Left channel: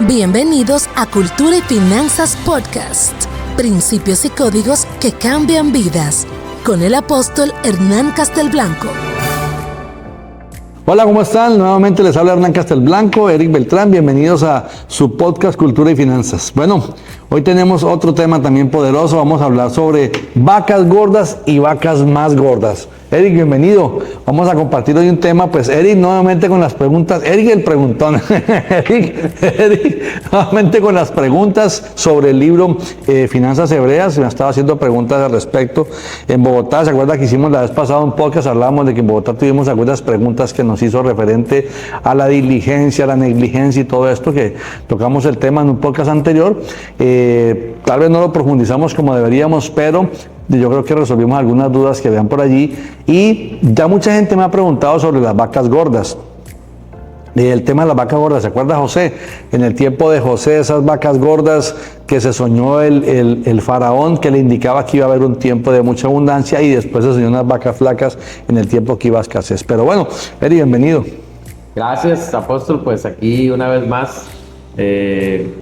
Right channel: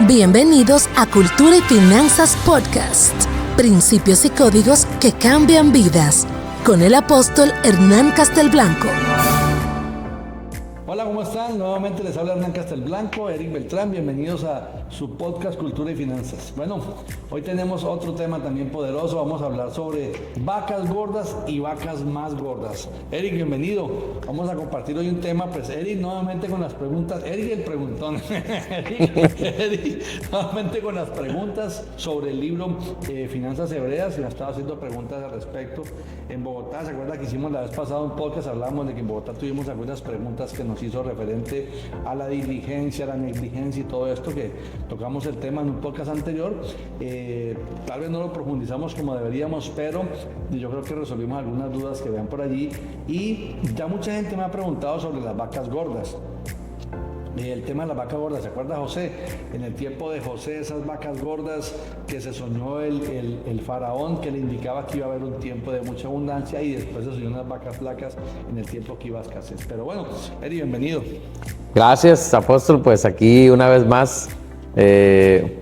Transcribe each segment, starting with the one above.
Bienvenidos a Cultura y Finanzas Podcast. Principios y códigos que cambian vidas. Con el apóstol Hernán Castelblanco. Hola, ¿cómo están? Nuevamente les habla Hernán Castelblanco, Eric Beltrán. Bienvenidos a su podcast Cultura y Finanzas. Bueno, hoy tenemos otro tema también poderoso. Vamos a hablar sobre vacas gordas y vacas más gordas. Eric, bienvenido. Vamos a compartir hoy un tema, pues Eric nuevamente con las preguntas. Eric el preguntón. Eric nuevamente con las preguntas sobre el libro Finanzas Hebreas. Me estaba haciendo preguntas al respecto. En Bogotá, ¿se acuerda que hicimos la vez pasada un podcast? Hablábamos de que en Bogotá tuvimos algunas preguntas que nos hizo referente a la diligencia, a la negligencia y todo esto, que tocamos el tema en un podcast anterior. Tal vez no lo profundizamos como deberíamos, pero yo creo que resolvimos algunas dudas que vean por allí. Y ya mucha gente me ha preguntado sobre las vacas gordas. El tema de las vacas gordas, ¿se acuerda José? En el tiempo de José, esas vacas gordas que se soñó el faraón, que le indicaba que iba a haber un tiempo de mucha abundancia, y después se soñó unas vacas flacas en el tiempo que iba a escasez. Pero bueno, Eri, bienvenido. Gracias, apóstol. Pues aquí una vez más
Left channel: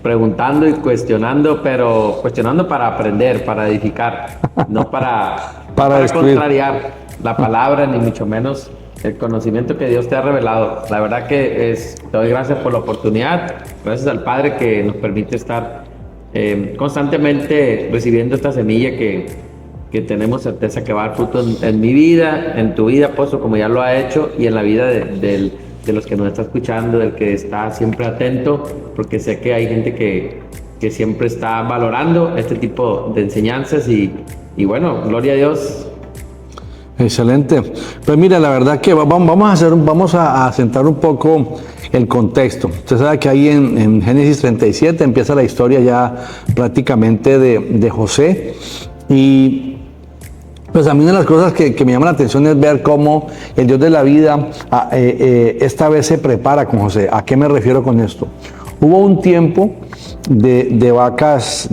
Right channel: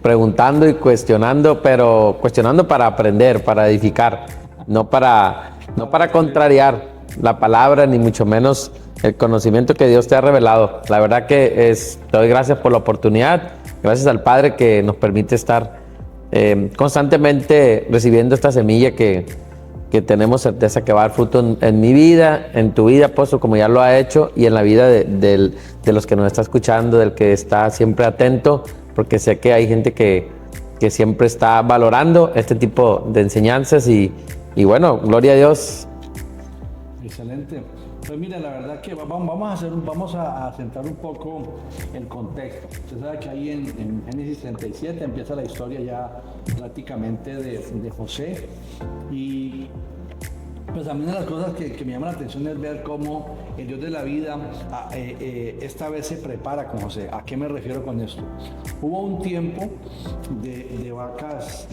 preguntando y cuestionando, pero cuestionando para aprender, para edificar, no para contrariar la palabra, ni mucho menos el conocimiento que Dios te ha revelado. La verdad que te doy gracias por la oportunidad, gracias al Padre que nos permite estar constantemente recibiendo esta semilla que tenemos certeza que va a dar fruto en mi vida, en tu vida, apóstol, como ya lo ha hecho, y en la vida de los que nos está escuchando, del que está siempre atento, porque sé que hay gente que siempre está valorando este tipo de enseñanzas y bueno, gloria a Dios. Excelente. Pues mira, la verdad que vamos a sentar un poco el contexto. Usted sabe que ahí en Génesis 37 empieza la historia ya prácticamente de José, y pues a mí una de las cosas que me llama la atención es ver cómo el Dios de la vida esta vez se prepara con José. ¿A qué me refiero con esto? Hubo un tiempo de vacas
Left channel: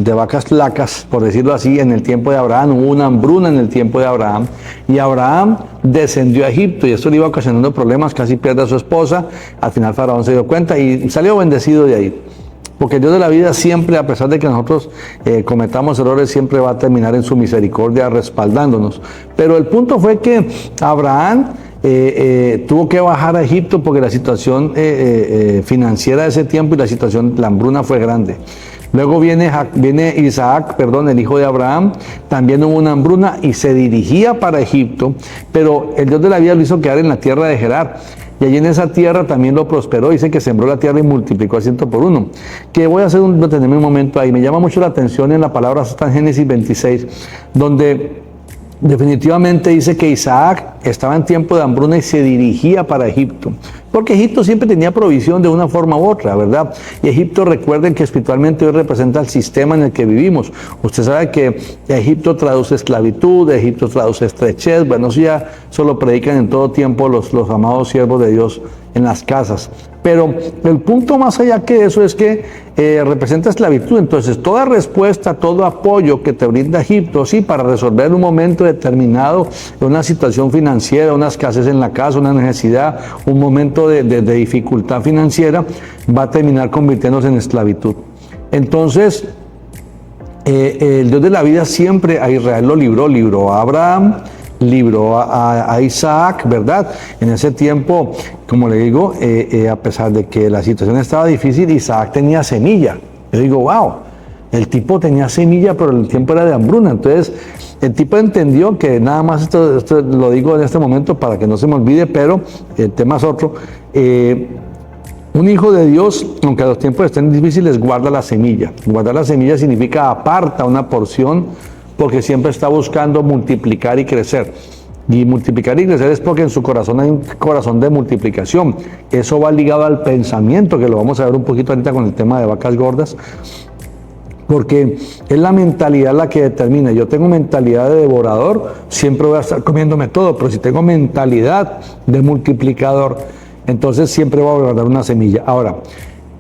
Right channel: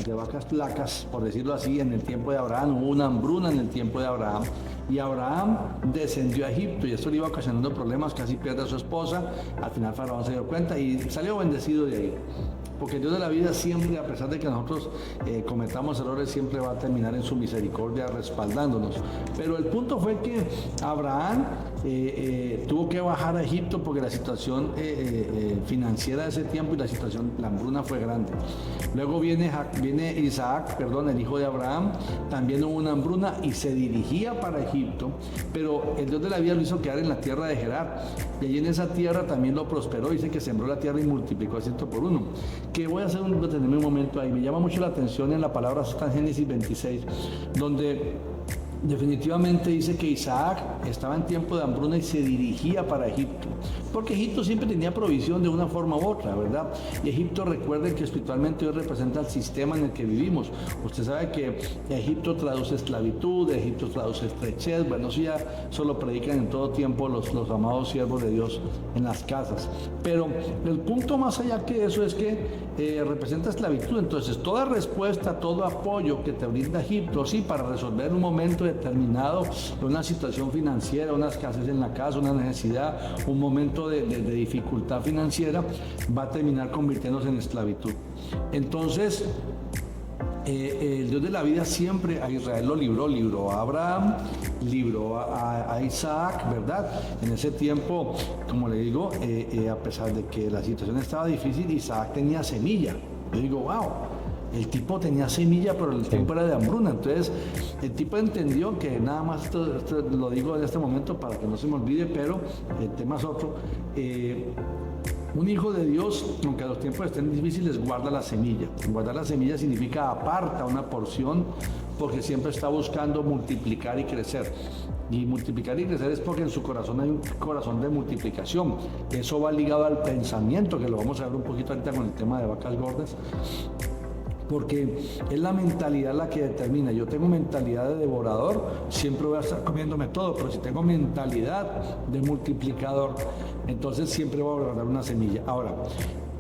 flacas, por decirlo así, en el tiempo de Abraham. Hubo una hambruna en el tiempo de Abraham, y Abraham descendió a Egipto, y esto le iba ocasionando problemas, casi pierde a su esposa. Al final Faraón se dio cuenta y salió bendecido de ahí. Porque el Dios de la vida siempre, a pesar de que nosotros cometamos errores, siempre va a terminar en su misericordia respaldándonos. Pero el punto fue que Abraham tuvo que bajar a Egipto porque la situación financiera de ese tiempo y la hambruna fue grande. Luego viene Isaac, el hijo de Abraham. También hubo una hambruna y se dirigía para Egipto, pero el Dios de la vida lo hizo quedar en la tierra de Gerar. Y allí en esa tierra también lo prosperó. Dice que sembró la tierra y multiplicó a 100 por 1. Que voy a detenerme un momento ahí. Me llama mucho la atención en la palabra, está en Génesis 26, donde definitivamente dice que Isaac estaba en tiempo de hambruna y se dirigía para Egipto. Porque Egipto siempre tenía provisión de una forma u otra, ¿verdad? Y Egipto, recuerden que espiritualmente hoy representa el sistema en el que vivimos. Usted sabe que Egipto traduce esclavitud, Egipto traduce estrechez. Bueno, eso lo predican en todo tiempo los amados siervos de Dios en las casas. Pero el punto más allá que eso es que representa esclavitud. Entonces, toda respuesta, todo apoyo que te brinda Egipto, sí, para resolver en un momento determinado una situación financiera, una escasez en la casa, una necesidad, un momento de dificultad financiera, va a terminar convirtiéndose en esclavitud. Entonces, el Dios de la vida siempre a Israel lo libró a Abraham, libró a Isaac, ¿verdad? En ese tiempo, como le digo, a pesar de que la situación estaba difícil, Isaac tenía semilla. Yo digo, wow, el tipo tenía semilla, pero el tiempo era de hambruna. Entonces, el tipo entendió que nada más, esto lo digo en este momento para que no se me olvide, pero el tema es otro. Un hijo de Dios, aunque los tiempos estén difíciles, guarda la semilla. Guardar la semilla significa aparta una porción, porque siempre está buscando multiplicar y crecer. Y multiplicar y crecer es porque en su corazón hay un corazón de multiplicación. Eso va ligado al pensamiento, que lo vamos a ver un poquito ahorita con el tema de vacas gordas, porque es la mentalidad la que determina. Yo tengo mentalidad de devorador, siempre voy a estar comiéndome todo, pero si tengo mentalidad de multiplicador, entonces siempre voy a guardar una semilla. Ahora,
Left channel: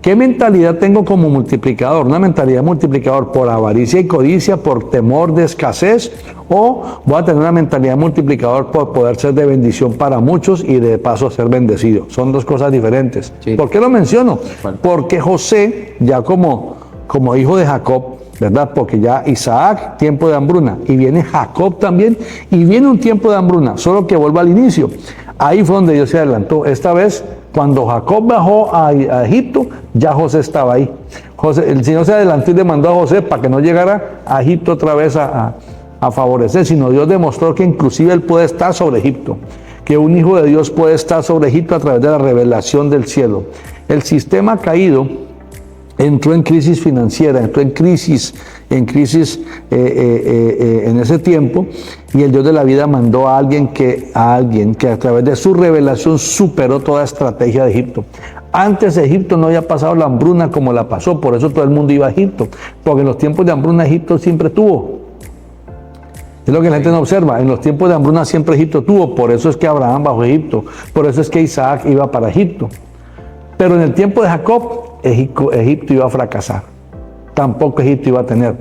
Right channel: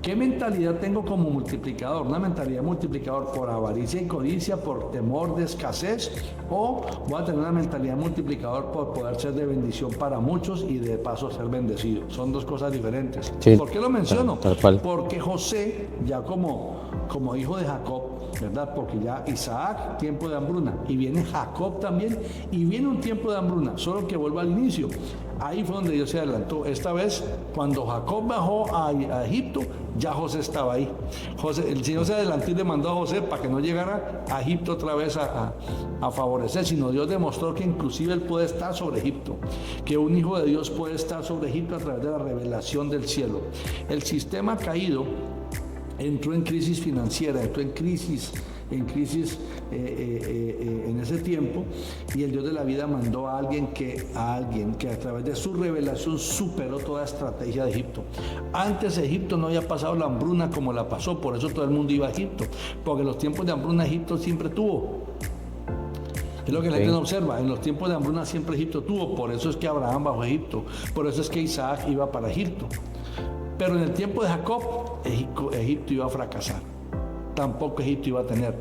¿Qué mentalidad tengo como multiplicador? ¿Una mentalidad multiplicador por avaricia y codicia, por temor de escasez? ¿O voy a tener una mentalidad multiplicador por poder ser de bendición para muchos y de paso ser bendecido? Son dos cosas diferentes. Sí. ¿Por qué lo menciono? Porque José, ya como hijo de Jacob, ¿verdad? Porque ya Isaac, tiempo de hambruna, y viene Jacob también, y viene un tiempo de hambruna, solo que vuelva al inicio. Ahí fue donde Dios se adelantó. Esta vez, cuando Jacob bajó a Egipto, ya José estaba ahí. El Señor se adelantó y le mandó a José para que no llegara a Egipto otra vez a favorecer, sino Dios demostró que inclusive él puede estar sobre Egipto, que un hijo de Dios puede estar sobre Egipto a través de la revelación del cielo. El sistema caído entró en crisis financiera, entró en crisis en ese tiempo, y el Dios de la vida mandó a alguien que a través de su revelación superó toda estrategia de Egipto. Antes Egipto no había pasado la hambruna como la pasó, por eso todo el mundo iba a Egipto, porque en los tiempos de hambruna Egipto siempre tuvo. Es lo que la gente no observa, en los tiempos de hambruna siempre Egipto tuvo, por eso es que Abraham bajó a Egipto, por eso es que Isaac iba para Egipto. Pero en el tiempo de Jacob, Egipto iba a fracasar. Tampoco Egipto iba a tener.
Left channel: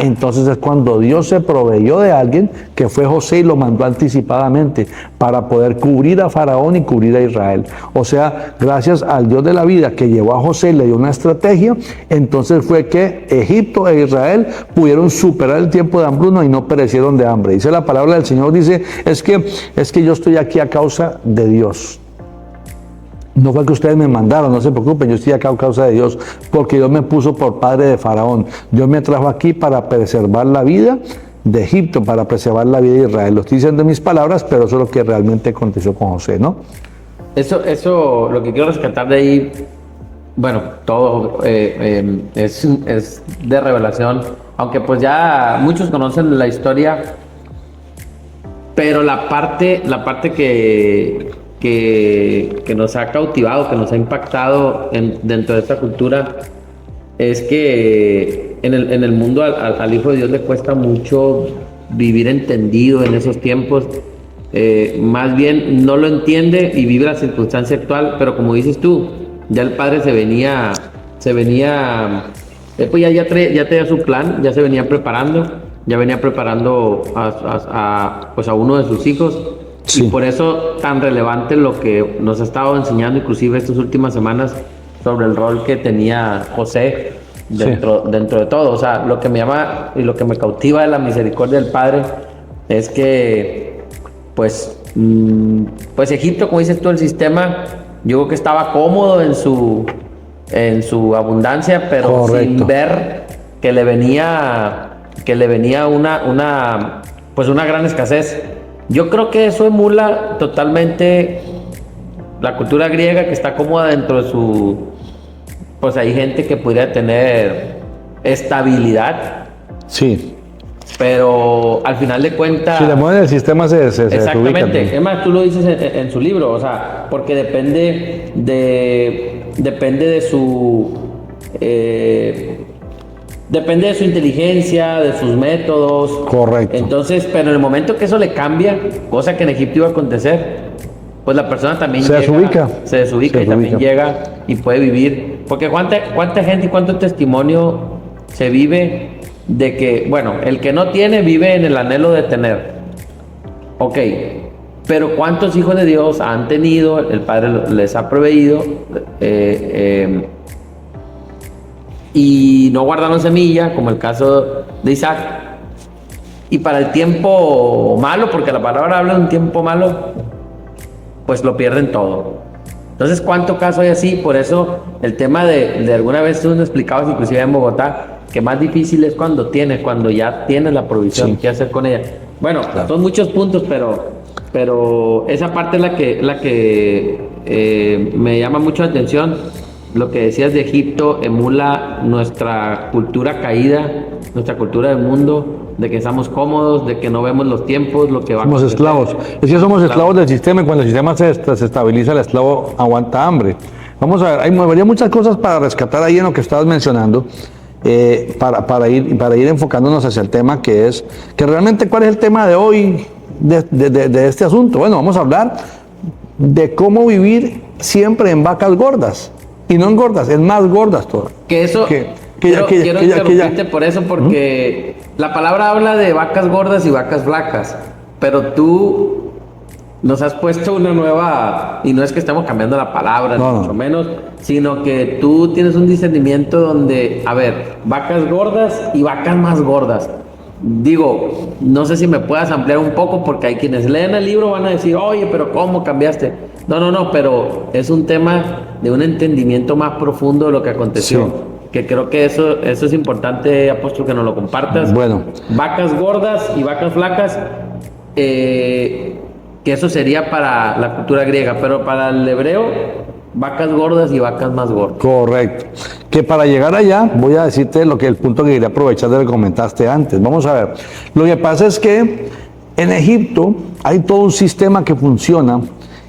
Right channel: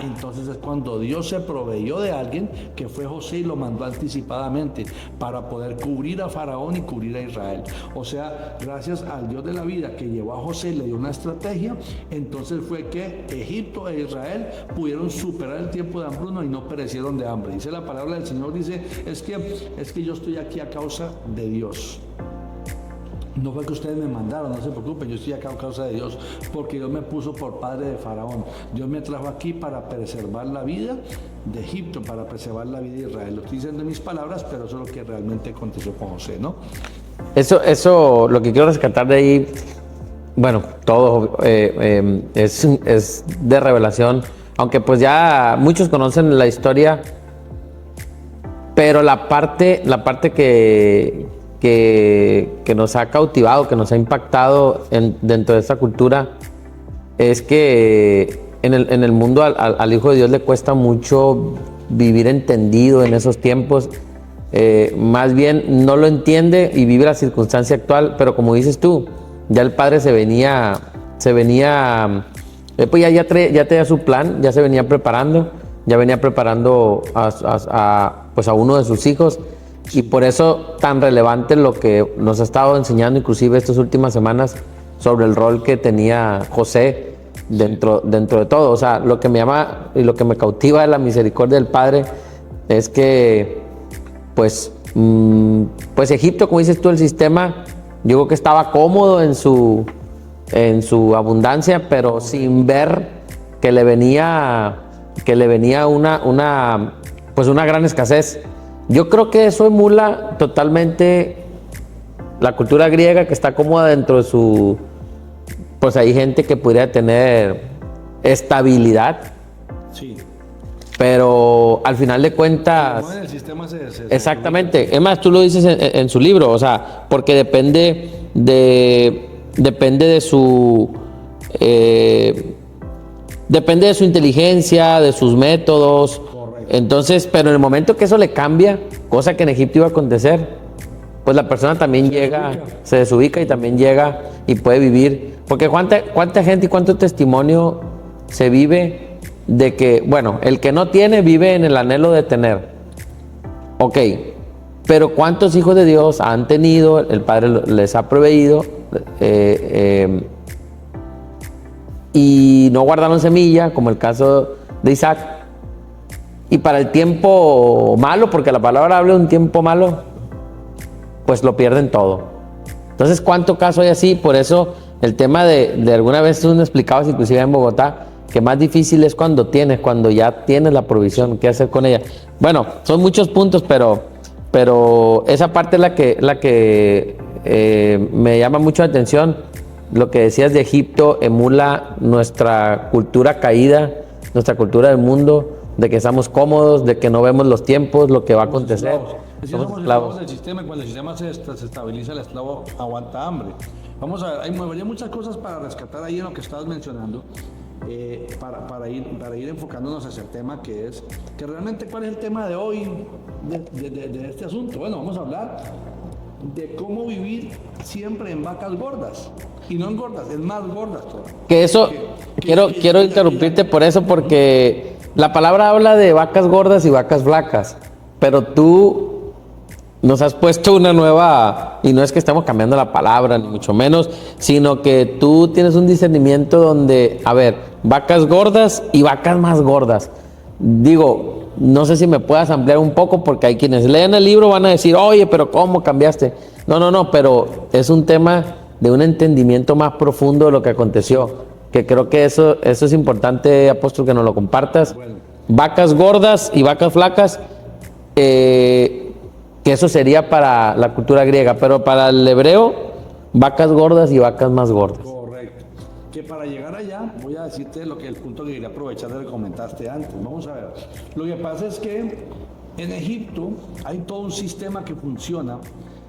Entonces es cuando Dios se proveyó de alguien, que fue José, y lo mandó anticipadamente para poder cubrir a Faraón y cubrir a Israel. O sea, gracias al Dios de la vida que llevó a José, le dio una estrategia, entonces fue que Egipto e Israel pudieron superar el tiempo de hambruna y no perecieron de hambre. Dice la palabra del Señor, dice, es que yo estoy aquí a causa de Dios. No fue que ustedes me mandaron, no se preocupen, yo estoy acá a causa de Dios, porque Dios me puso por padre de Faraón. Dios me trajo aquí para preservar la vida de Egipto, para preservar la vida de Israel. Lo estoy diciendo en mis palabras, pero eso es lo que realmente aconteció con José, ¿no? Eso, lo que quiero rescatar de ahí, bueno, todo es de revelación, aunque pues ya muchos conocen la historia, pero la parte que nos ha cautivado, que nos ha impactado dentro de esta cultura, es que en el mundo al Hijo de Dios le cuesta mucho vivir entendido en esos tiempos. Más bien no lo entiende y vive la circunstancia actual, pero como dices tú, ya el padre se venía pues ya tenía su plan, ya se venía preparando, a uno de sus hijos. Sí. Y por eso tan relevante lo que nos ha estado enseñando inclusive estas últimas semanas sobre el rol que tenía José dentro de todo. O sea, lo que me llama y lo que me cautiva de la misericordia del Padre es que pues Egipto, como dices tú, el sistema, yo creo que estaba cómodo en su abundancia, pero correcto, sin ver que le venía una gran escasez. Yo creo que eso emula totalmente la cultura griega, que está cómoda dentro de su... Pues hay gente que podría tener estabilidad. Sí. Pero al final de cuentas... Si le mueven el sistema se exactamente. Es más, tú lo dices en su libro, o sea, porque depende de su... depende de su inteligencia, de sus métodos. Correcto. Entonces, pero en el momento que eso le cambia, cosa que en Egipto iba a acontecer, pues la persona también se desubica y también llega y puede vivir. Porque cuánta gente y cuánto testimonio se vive de que, bueno, el que no tiene vive en el anhelo de tener. Ok, pero cuántos hijos de Dios han tenido, el Padre les ha proveído, y no guardaron semilla, como el caso de Isaac, y para el tiempo malo, porque la palabra habla de un tiempo malo, pues lo pierden todo. Entonces, ¿cuánto caso hay así? Por eso el tema de alguna vez tú nos explicabas, inclusive en Bogotá, que más difícil es cuando ya tienes la provisión, qué hacer con ella. Bueno, claro, son muchos puntos, pero esa parte es la que me llama mucho la atención. Lo que decías de Egipto emula nuestra cultura caída, nuestra cultura del mundo, de que estamos cómodos, de que no vemos los tiempos, lo que va a acontecer. Somos esclavos. Es que somos esclavos del sistema, y cuando el sistema se estabiliza, el esclavo aguanta hambre. Vamos a ver, habría muchas cosas para rescatar ahí en lo que estabas mencionando, para ir enfocándonos hacia el tema que es, que realmente cuál es el tema de hoy de este asunto. Bueno, vamos a hablar de cómo vivir siempre en vacas gordas. Y no engordas, es más gordas todas. Que eso, quiero interrumpirte por eso, porque la palabra habla de vacas gordas y vacas flacas, pero tú nos has puesto una nueva, y no es que estemos cambiando la palabra, ni mucho menos, sino que tú tienes un discernimiento donde, a ver, vacas gordas y vacas más gordas. Digo, no sé si me puedas ampliar un poco, porque hay quienes leen el libro van a decir, oye, pero ¿cómo cambiaste? No, pero es un tema de un entendimiento más profundo de lo que aconteció. Sí. Que creo que eso es importante, apóstol, que nos lo compartas. Bueno. Vacas gordas y vacas flacas, que eso sería para la cultura griega, pero para el hebreo, vacas gordas y vacas más gordas. Correcto. Que para llegar allá, voy a decirte el punto que quería aprovechar de lo que comentaste antes. Vamos a ver. Lo que pasa es que en Egipto hay todo un sistema que funciona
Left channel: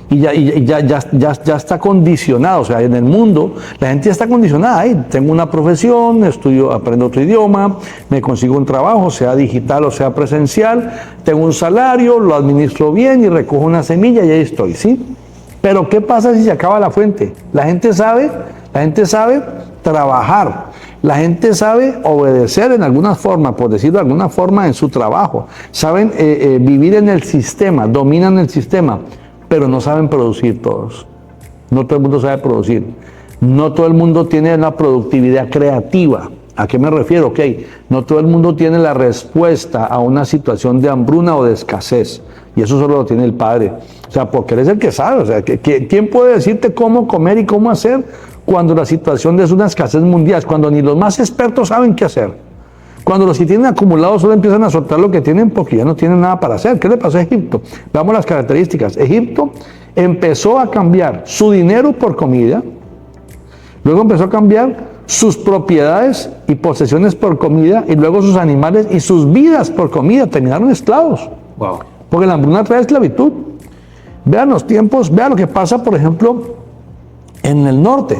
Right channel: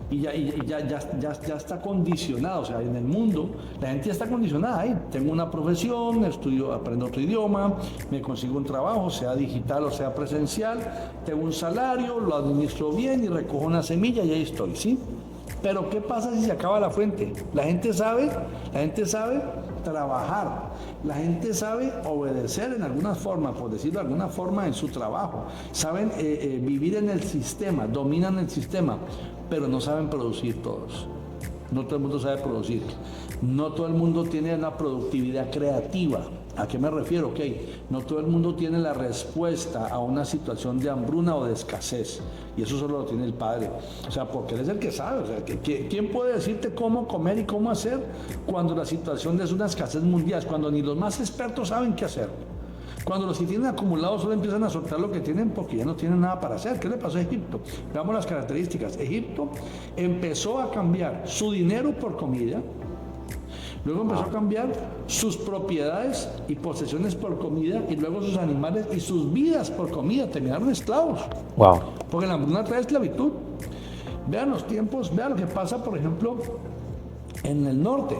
y ya está condicionado. O sea, en el mundo la gente ya está condicionada. Ahí tengo una profesión, estudio, aprendo otro idioma, me consigo un trabajo, sea digital o sea presencial, tengo un salario, lo administro bien y recojo una semilla y ahí estoy, ¿sí? Pero ¿qué pasa si se acaba la fuente? La gente sabe trabajar, la gente sabe obedecer en alguna forma, por decirlo de alguna forma, en su trabajo, saben vivir en el sistema, dominan el sistema, pero no saben producir todos. No todo el mundo sabe producir. No todo el mundo tiene la productividad creativa. ¿A qué me refiero? Ok, no todo el mundo tiene la respuesta a una situación de hambruna o de escasez. Y eso solo lo tiene el Padre. O sea, porque Él es el que sabe. O sea, ¿quién puede decirte cómo comer y cómo hacer cuando la situación es una escasez mundial? Cuando ni los más expertos saben qué hacer. Cuando los que tienen acumulado solo empiezan a soltar lo que tienen porque ya no tienen nada para hacer. ¿Qué le pasó a Egipto? Veamos las características. Egipto empezó a cambiar su dinero por comida. Luego empezó a cambiar sus propiedades y posesiones por comida. Y luego sus animales y sus vidas por comida. Terminaron esclavos. Wow. Porque la hambruna trae esclavitud. Vean los tiempos, vean lo que pasa, por ejemplo, en el norte.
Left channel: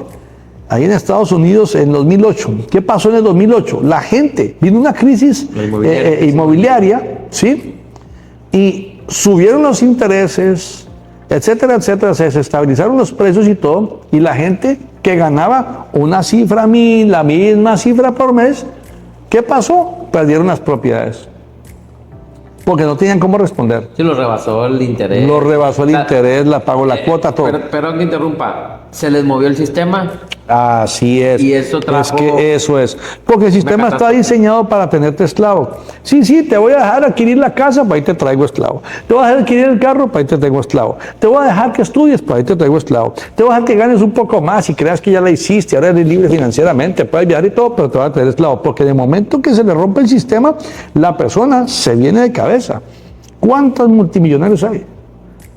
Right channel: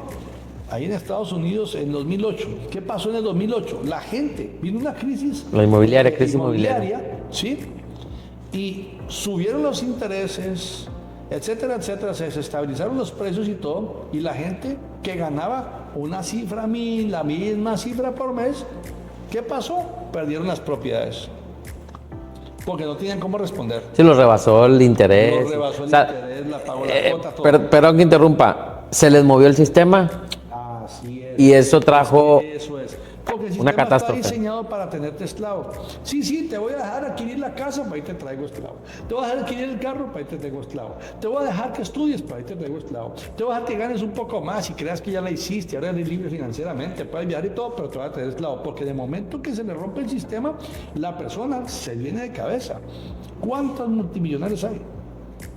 Ahí en Estados Unidos en 2008. ¿Qué pasó en el 2008? La gente, vino una crisis inmobiliaria, ¿sí? Y subieron los intereses, etcétera, etcétera, se desestabilizaron los precios y todo, y la gente que ganaba una cifra la misma cifra por mes, ¿qué pasó? Perdieron las propiedades. Porque no tenían cómo responder. Sí, los rebasó el interés. Los rebasó el interés, la pagó la cuota, todo. Perdón que interrumpa. ¿Se les movió el sistema? Así es. Y eso trajo... Es que eso es. Porque el sistema está diseñado para tenerte esclavo. Sí, te voy a dejar adquirir la casa, para ahí te traigo esclavo. Te voy a dejar adquirir el carro, para ahí te traigo esclavo. Te voy a dejar que estudies, para ahí te traigo esclavo. Te voy a dejar que ganes un poco más y creas que ya la hiciste, ahora eres libre financieramente, puedes viajar y todo, pero te voy a traer esclavo. Porque de momento que se le rompe el sistema, la persona se viene de cabeza. ¿Cuántos multimillonarios hay?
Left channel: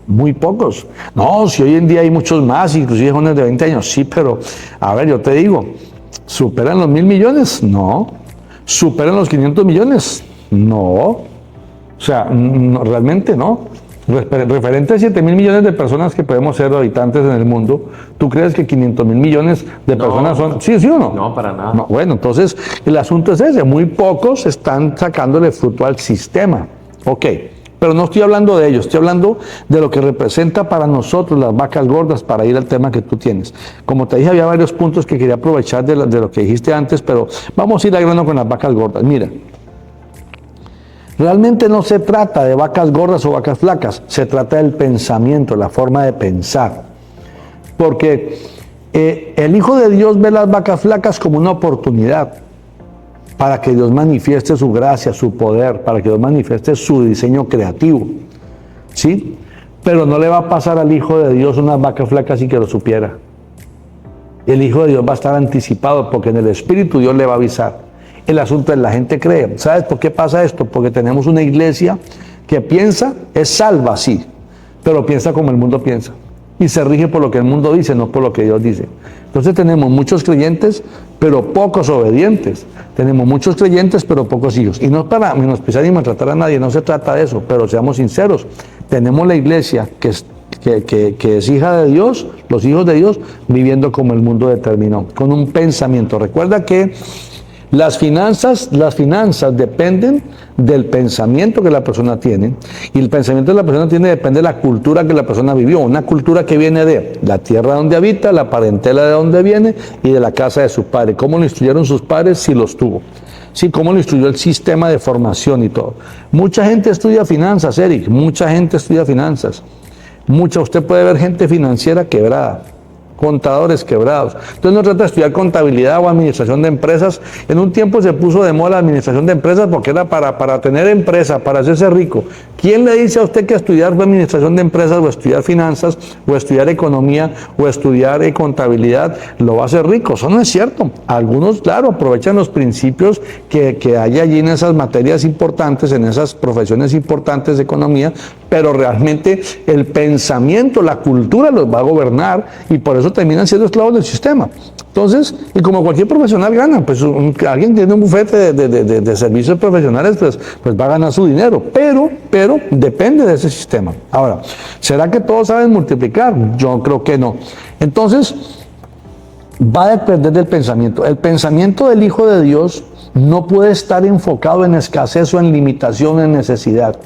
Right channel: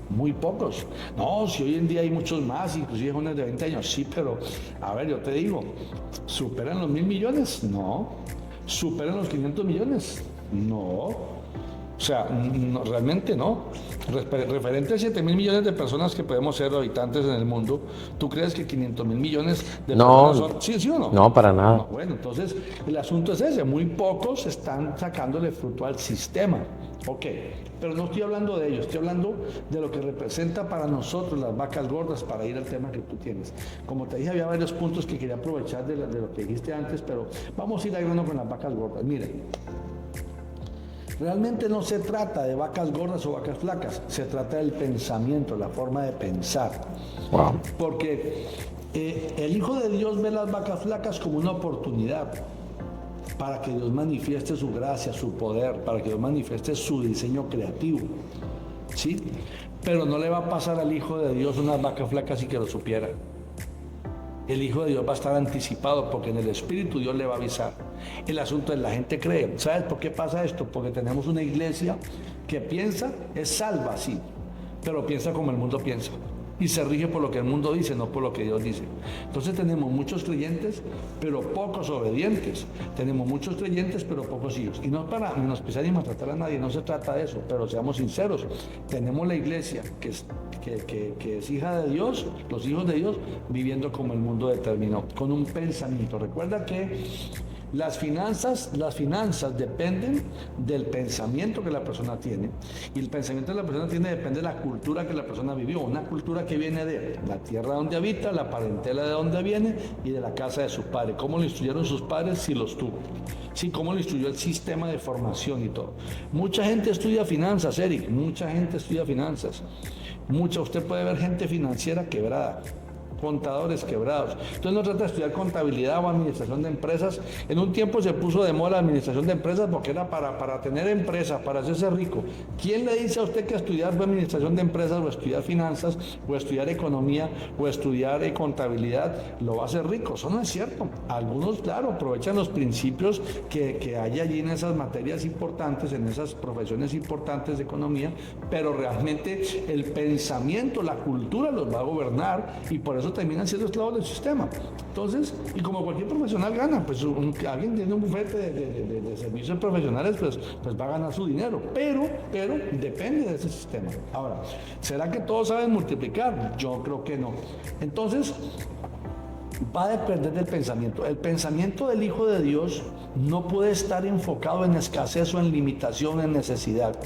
Muy pocos. No, si hoy en día hay muchos más, inclusive jóvenes de 20 años, sí, pero a ver, yo te digo, ¿superan los 1.000 millones? No. ¿Superan los 500 millones? No. O sea, no, realmente no. Referente a 7.000 millones de personas que podemos ser habitantes en el mundo, ¿tú crees que 500.000 millones de personas son? ¿Sí o no? No, para nada. No, bueno, entonces el asunto es ese, muy pocos están sacándole fruto al sistema. Ok. Pero no estoy hablando de ello, estoy hablando de lo que representa para nosotros las vacas gordas, para ir al tema que tú tienes. Como te dije, había varios puntos que quería aprovechar de lo que dijiste antes, pero vamos a ir al grano con las vacas gordas. Mira, realmente no se trata de vacas gordas o vacas flacas, se trata del pensamiento, la forma de pensar. Wow. Porque el Hijo de Dios ve las vacas flacas como una oportunidad para que Dios manifieste su gracia, su poder, para que Dios manifieste su diseño creativo, ¿sí? Pero no le va a pasar al Hijo de Dios unas vacas flacas y que lo supiera. El Hijo de Dios va a estar anticipado porque en el Espíritu Dios le va a avisar. El asunto es la gente cree. ¿Sabes por qué pasa esto? Porque tenemos una iglesia que piensa, es salva, sí, pero piensa como el mundo piensa. Y se rige por lo que el mundo dice, no por lo que Dios dice. Entonces tenemos muchos creyentes, pero pocos obedientes. Tenemos muchos creyentes, pero pocos hijos. Y no es para menospreciar ni maltratar a nadie, no se trata de eso, pero seamos sinceros. Tenemos la iglesia que es hija de Dios, los hijos de Dios, viviendo como el mundo determinó, con un pensamiento. Recuerda que Las finanzas dependen del pensamiento que la persona tiene, y el pensamiento de la persona depende de la cultura que la persona vivió, una cultura que viene de la tierra donde habita, la parentela de donde viene y de la casa de sus padres, cómo lo instruyeron sus padres si los tuvo. Sí, cómo lo instruyó el sistema de formación y todo. Mucha gente estudia finanzas, Eric, mucha gente estudia finanzas. Usted puede ver gente financiera quebrada, contadores quebrados. Entonces no trata de estudiar contabilidad o administración de empresas. En un tiempo se puso de moda la administración de empresas porque era para tener empresa, para hacerse rico. ¿Quién le dice a usted que estudiar administración de empresas o estudiar finanzas o estudiar economía o estudiar contabilidad lo va a hacer rico? Eso no es cierto. Algunos, claro, aprovechan los principios que hay allí en esas materias importantes, en esas profesiones importantes de economía, pero realmente el pensamiento, la cultura los va a gobernar y por eso terminan siendo esclavos del sistema. Entonces, y como cualquier profesional gana, pues alguien tiene un bufete de servicios profesionales, pues va a ganar su dinero, pero depende de ese sistema. Ahora, ¿será que todos saben multiplicar? Yo creo que no. Entonces, va a depender del pensamiento. El pensamiento del Hijo de Dios no puede estar enfocado en escasez o en limitación, en necesidad.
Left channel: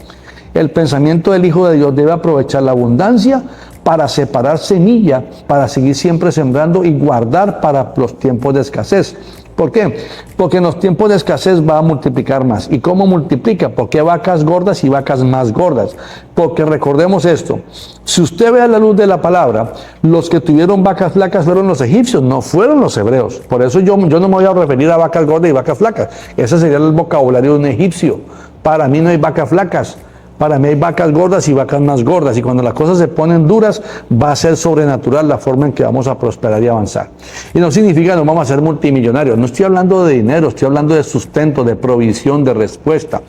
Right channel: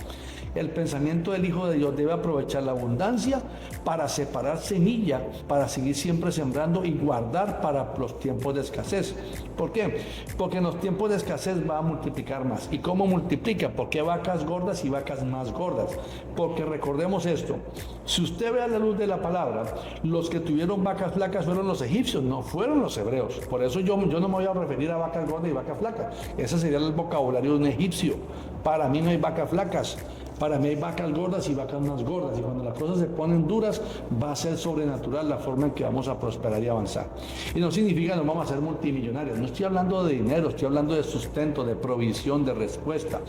El pensamiento del Hijo de Dios debe aprovechar la abundancia para separar semilla, para seguir siempre sembrando y guardar para los tiempos de escasez. ¿Por qué? Porque en los tiempos de escasez va a multiplicar más. ¿Y cómo multiplica? Porque vacas gordas y vacas más gordas. Porque recordemos esto, si usted ve a la luz de la palabra, los que tuvieron vacas flacas fueron los egipcios, no fueron los hebreos. Por eso yo no me voy a referir a vacas gordas y vacas flacas. Ese sería el vocabulario de un egipcio. Para mí no hay vacas flacas. Para mí hay vacas gordas y vacas más gordas, y cuando las cosas se ponen duras va a ser sobrenatural la forma en que vamos a prosperar y avanzar. Y no significa que nos vamos a ser multimillonarios, no estoy hablando de dinero, estoy hablando de sustento, de provisión, de respuesta.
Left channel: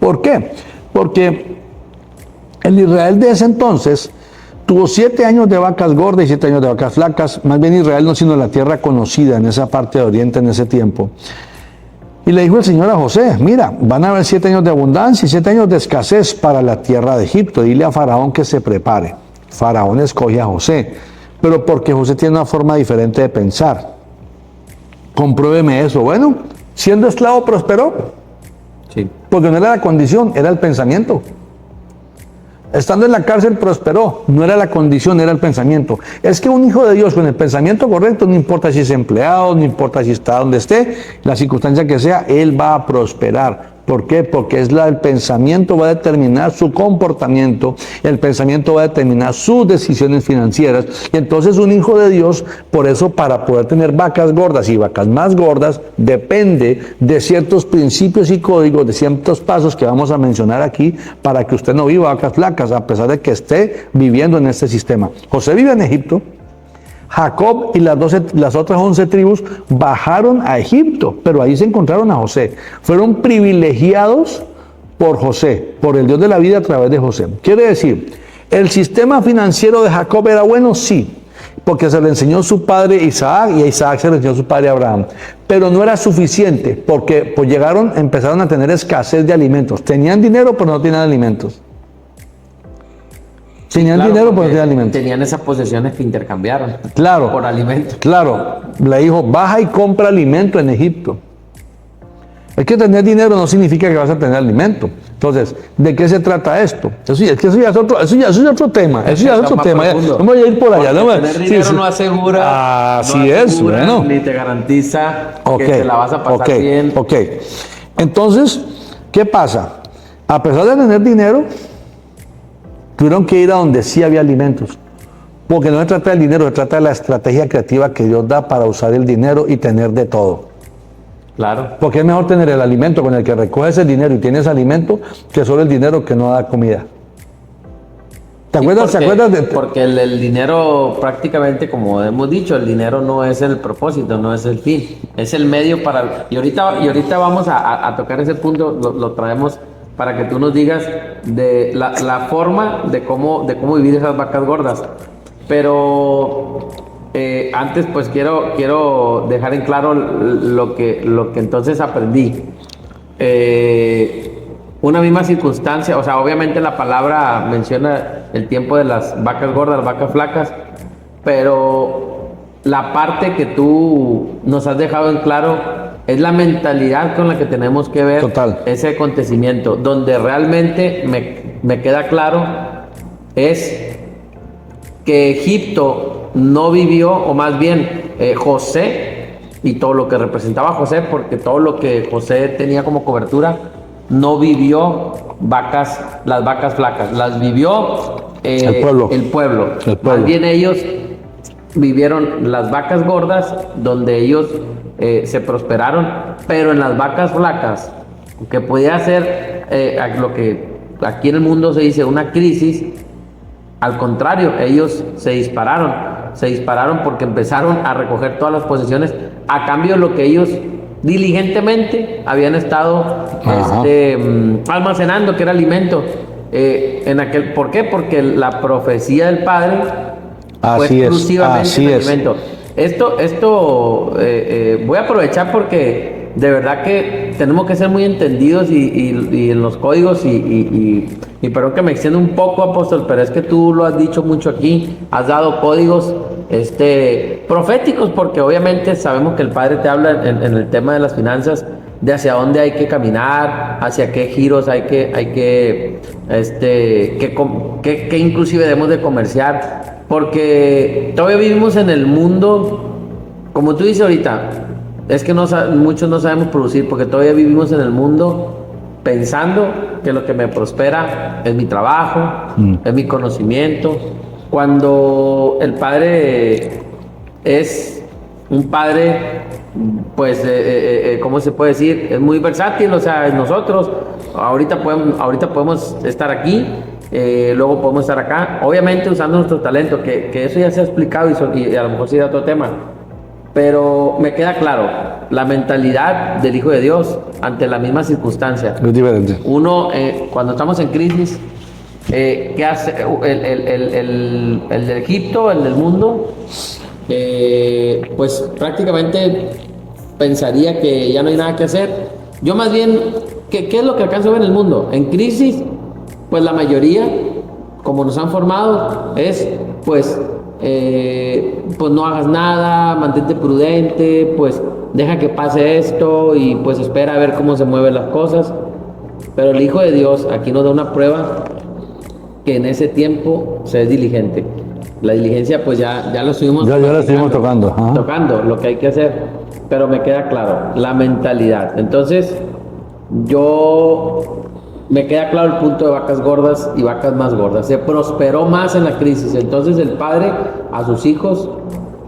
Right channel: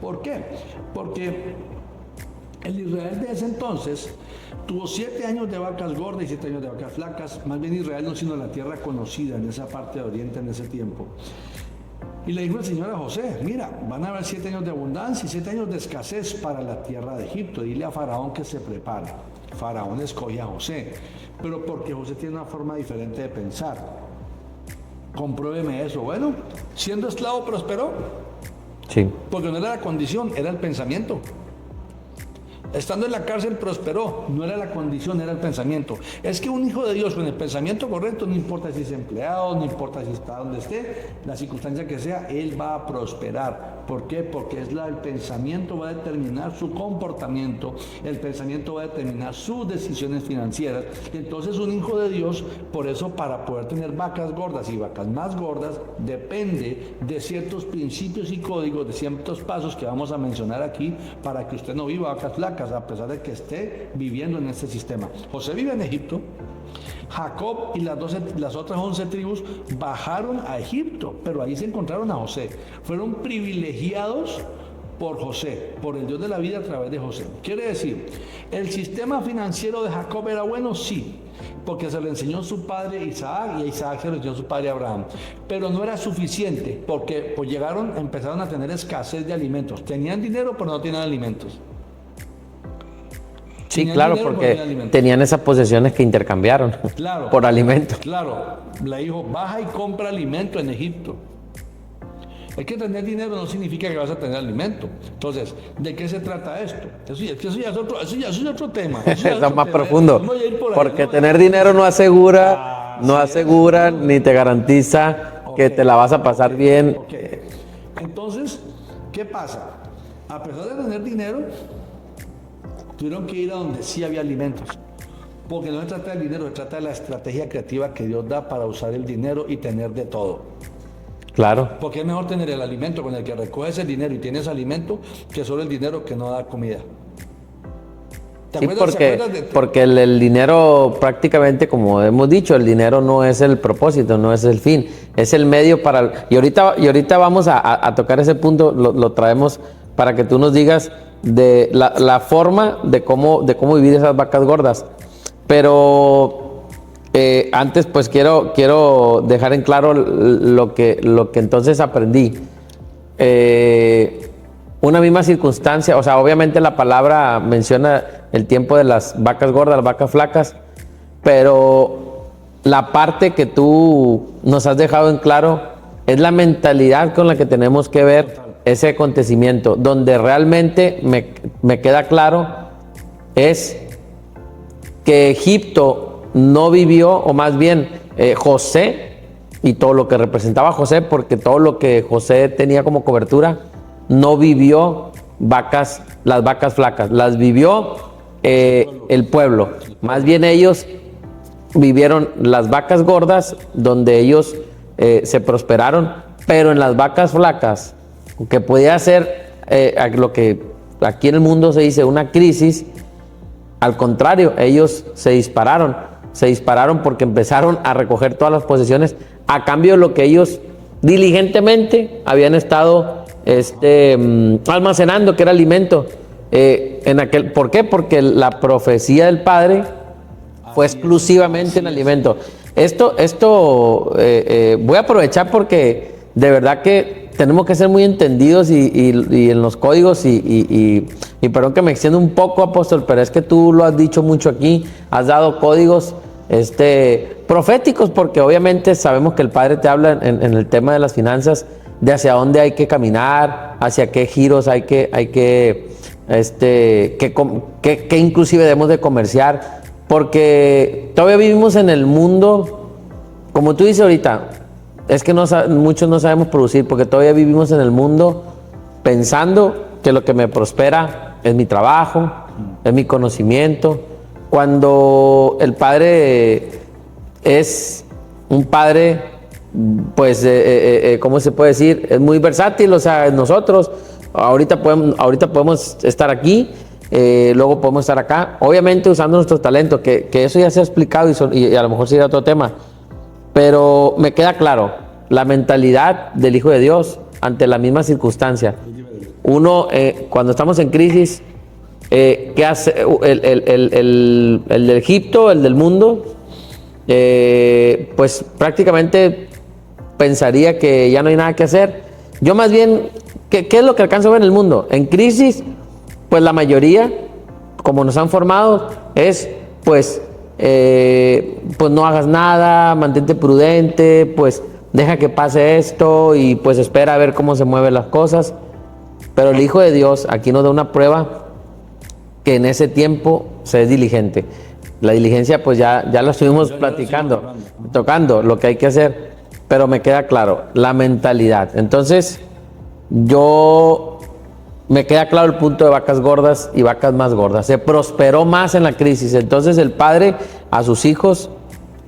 ¿Por qué? Porque el Israel de ese entonces tuvo 7 años de vacas gordas y 7 años de vacas flacas, más bien Israel no sino la tierra conocida en esa parte de Oriente en ese tiempo. Y le dijo el Señor a José, mira, van a haber 7 años de abundancia y 7 años de escasez para la tierra de Egipto. Dile a Faraón que se prepare. Faraón escoge a José, pero porque José tiene una forma diferente de pensar. Compruébeme eso. Bueno, siendo esclavo prosperó. Sí. Porque no era la condición, era el pensamiento. Estando en la cárcel prosperó, no era la condición, era el pensamiento. Es que un hijo de Dios con el pensamiento correcto, no importa si es empleado, no importa si está donde esté, la circunstancia que sea, él va a prosperar. ¿Por qué? Porque el pensamiento va a determinar su comportamiento, el pensamiento va a determinar sus decisiones financieras. Y entonces un hijo de Dios, por eso para poder tener vacas gordas y vacas más gordas, depende de ciertos principios y códigos, de ciertos pasos que vamos a mencionar aquí, para que usted no viva vacas flacas, a pesar de que esté viviendo en este sistema. José vive en Egipto. Jacob y las otras 11 tribus bajaron a Egipto, pero ahí se encontraron a José. Fueron privilegiados por José, por el Dios de la vida a través de José. Quiere decir, ¿el sistema financiero de Jacob era bueno? Sí, porque se le enseñó su padre Isaac y a Isaac se le enseñó su padre Abraham. Pero no era suficiente, porque pues empezaron a tener escasez de alimentos. Tenían dinero, pero no tenían alimentos. Tenían dinero, pero no tenían alimentos. Tenían esas posesiones que intercambiaron. Claro. Por alimentos. Claro. Le dijo, baja y compra alimento en Egipto. Es que tener dinero no significa que vas a tener alimento. Entonces, ¿de qué se trata esto? Eso ya es otro tema. Eso ya es otro tema. Vamos a ir por allá. Porque tener dinero no asegura, bueno, ni te garantiza que te la vas a pasar bien. Ok. Entonces, ¿qué pasa? A pesar de tener dinero, tuvieron que ir a donde sí había alimentos. Porque no se trata del dinero, se trata de la estrategia creativa que Dios da para usar el dinero y tener de todo. Claro. Porque es mejor tener el alimento con el que recoges el dinero y tienes alimento que solo el dinero que no da comida. ¿Te acuerdas? Porque el dinero prácticamente, como hemos dicho, el dinero no es el propósito, no es el fin, es el medio para... Y ahorita vamos a tocar ese punto, lo traemos para que tú nos digas de la forma de cómo vivir esas vacas gordas. Pero antes pues quiero dejar en claro lo que entonces aprendí. Una misma circunstancia, o sea, obviamente la palabra menciona el tiempo de las vacas gordas, las vacas flacas, pero la parte que tú nos has dejado en claro es la mentalidad con la que tenemos que ver ese acontecimiento. Donde realmente me queda claro es que Egipto no vivió, o más bien José y todo lo que representaba José, porque todo lo que José tenía como cobertura, no vivió las vacas flacas, las vivió el pueblo. Más bien ellos vivieron las vacas gordas, donde ellos se prosperaron, pero en las vacas flacas, que podía ser lo que aquí en el mundo se dice una crisis, al contrario, ellos se dispararon porque empezaron a recoger todas las posesiones a cambio de lo que ellos diligentemente habían estado almacenando, que era alimento. ¿Por qué? Porque la profecía del Padre fue exclusivamente en alimento. Esto voy a aprovechar porque de verdad que tenemos que ser muy entendidos y en los códigos y perdón que me extienda un poco, apóstol, pero es que tú lo has dicho mucho aquí, has dado códigos proféticos, porque obviamente sabemos que el Padre te habla en el tema de las finanzas, de hacia dónde hay que caminar, hacia qué giros hay que inclusive debemos de comerciar, porque todavía vivimos en el mundo, como tú dices ahorita, es que muchos no sabemos producir, porque todavía vivimos en el mundo pensando que lo que me prospera es mi trabajo, es mi conocimiento, cuando el Padre es un Padre, pues, ¿cómo se puede decir? Es muy versátil, o sea, nosotros ahorita podemos estar aquí, luego podemos estar acá, obviamente usando nuestro talento, que eso ya se ha explicado y a lo mejor sería otro tema, pero me queda claro, la mentalidad del Hijo de Dios ante la misma circunstancia. Es diferente. Uno, cuando estamos en crisis, ¿qué hace el de Egipto, el del mundo? Pues prácticamente pensaría que ya no hay nada que hacer. Yo más bien, ¿qué es lo que alcanzo a ver en el mundo? En crisis, pues la mayoría, como nos han formado, es pues no hagas nada, mantente prudente, pues deja que pase esto y pues espera a ver cómo se mueven las cosas. Pero el Hijo de Dios aquí nos da una prueba que en ese tiempo se es diligente. La diligencia pues ya lo estuvimos tocando lo que hay que hacer, pero me queda claro, la mentalidad. Entonces, me queda claro el punto de vacas gordas y vacas más gordas. Se prosperó más en la crisis. Entonces el Padre a sus hijos,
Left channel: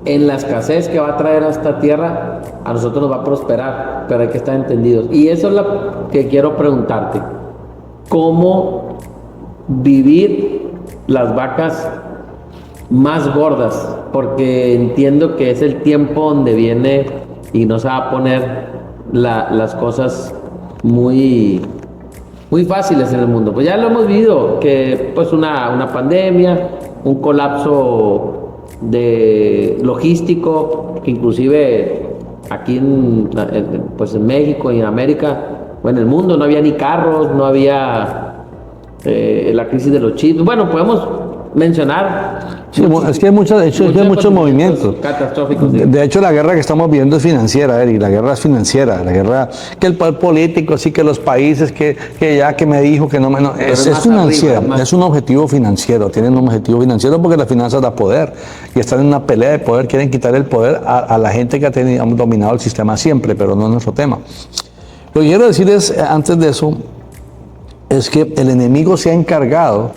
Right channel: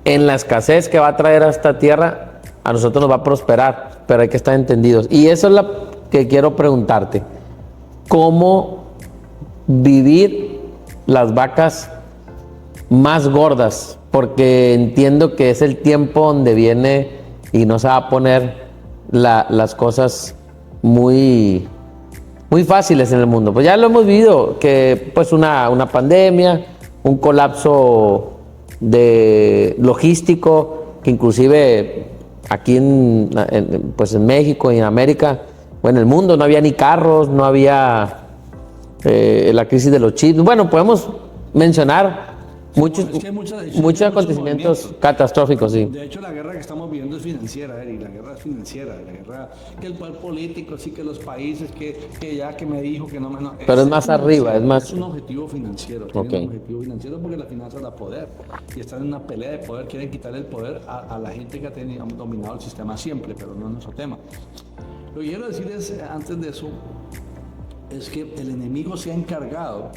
en la escasez que va a traer a esta tierra, a nosotros nos va a prosperar, pero hay que estar entendidos. Y eso es lo que quiero preguntarte. ¿Cómo vivir las vacas más gordas? Porque entiendo que es el tiempo donde viene y nos va a poner las cosas muy fáciles en el mundo. Pues ya lo hemos vivido, que pues una pandemia, un colapso logístico, que inclusive aquí en México y en América, o en el mundo, no había ni carros, no había la crisis de los chips. Bueno, podemos mencionar es que hay muchos movimientos catastróficos. Sí. De hecho, la guerra que estamos viendo es financiera, Eric. La guerra es financiera. La guerra que el poder político, sí, que los países, que me dijo que no me... No, es financiera. Es un objetivo financiero. Tienen un objetivo financiero porque las finanzas da poder. Y están en una pelea de poder. Quieren quitar el poder a la gente que ha dominado el sistema siempre, pero no es nuestro tema. Lo que quiero decir es, antes de eso, es que el enemigo se ha encargado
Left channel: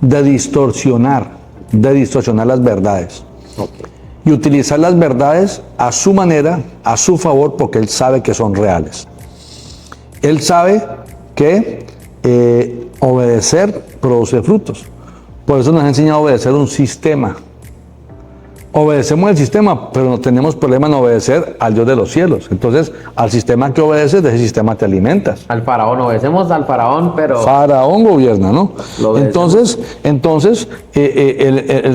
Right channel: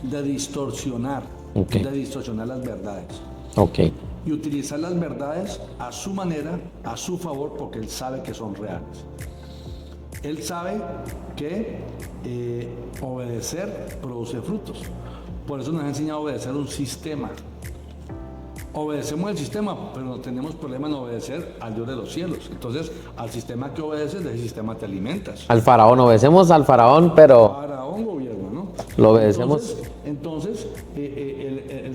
de distorsionar las verdades. Y utilizar las verdades a su manera, a su favor, porque él sabe que son reales. Él sabe que obedecer produce frutos. Por eso nos ha enseñado a obedecer un sistema. Obedecemos el sistema, pero no tenemos problema en obedecer al Dios de los cielos. Entonces, al sistema que obedeces, de ese sistema te alimentas. Al faraón, obedecemos al faraón, pero... Faraón gobierna, ¿no? Entonces el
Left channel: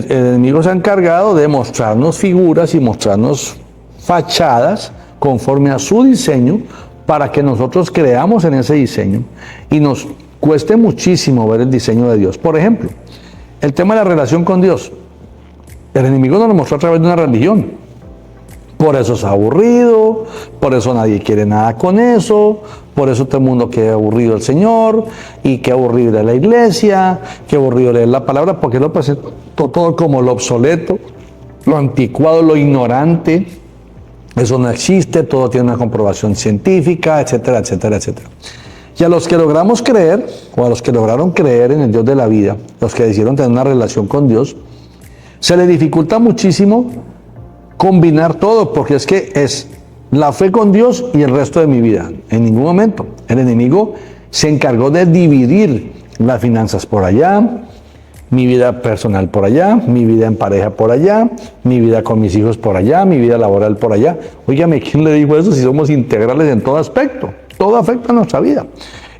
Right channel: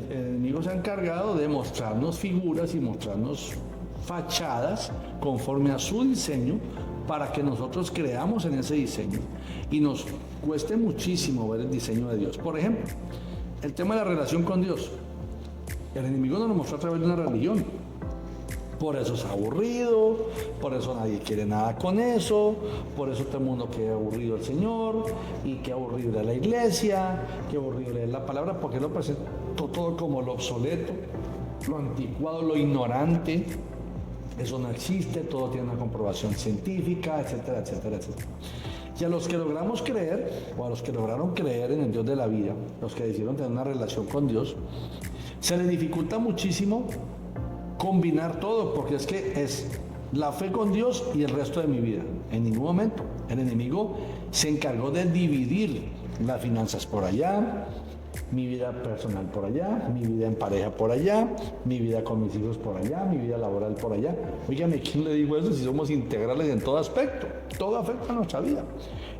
enemigo se ha encargado de mostrarnos figuras y mostrarnos fachadas conforme a su diseño, para que nosotros creamos en ese diseño y nos cueste muchísimo ver el diseño de Dios. Por ejemplo, el tema de la relación con Dios. El enemigo nos lo mostró a través de una religión. Por eso es aburrido, por eso nadie quiere nada con eso, por eso todo el mundo quiere aburrido el Señor, y qué aburrido la iglesia, qué aburrido leer la palabra, porque lo presenta todo como lo obsoleto, lo anticuado, lo ignorante. Eso no existe, todo tiene una comprobación científica, etcétera, etcétera, etcétera. Y a los que logramos creer, o a los que lograron creer en el Dios de la vida, los que decidieron tener una relación con Dios, se les dificulta muchísimo combinar todo, porque es que es la fe con Dios y el resto de mi vida. En ningún momento. El enemigo se encargó de dividir las finanzas por allá, mi vida personal por allá, mi vida en pareja por allá, mi vida con mis hijos por allá, mi vida laboral por allá. Óigame, ¿quién le dijo eso si somos integrales en todo aspecto? Todo afecta a nuestra vida.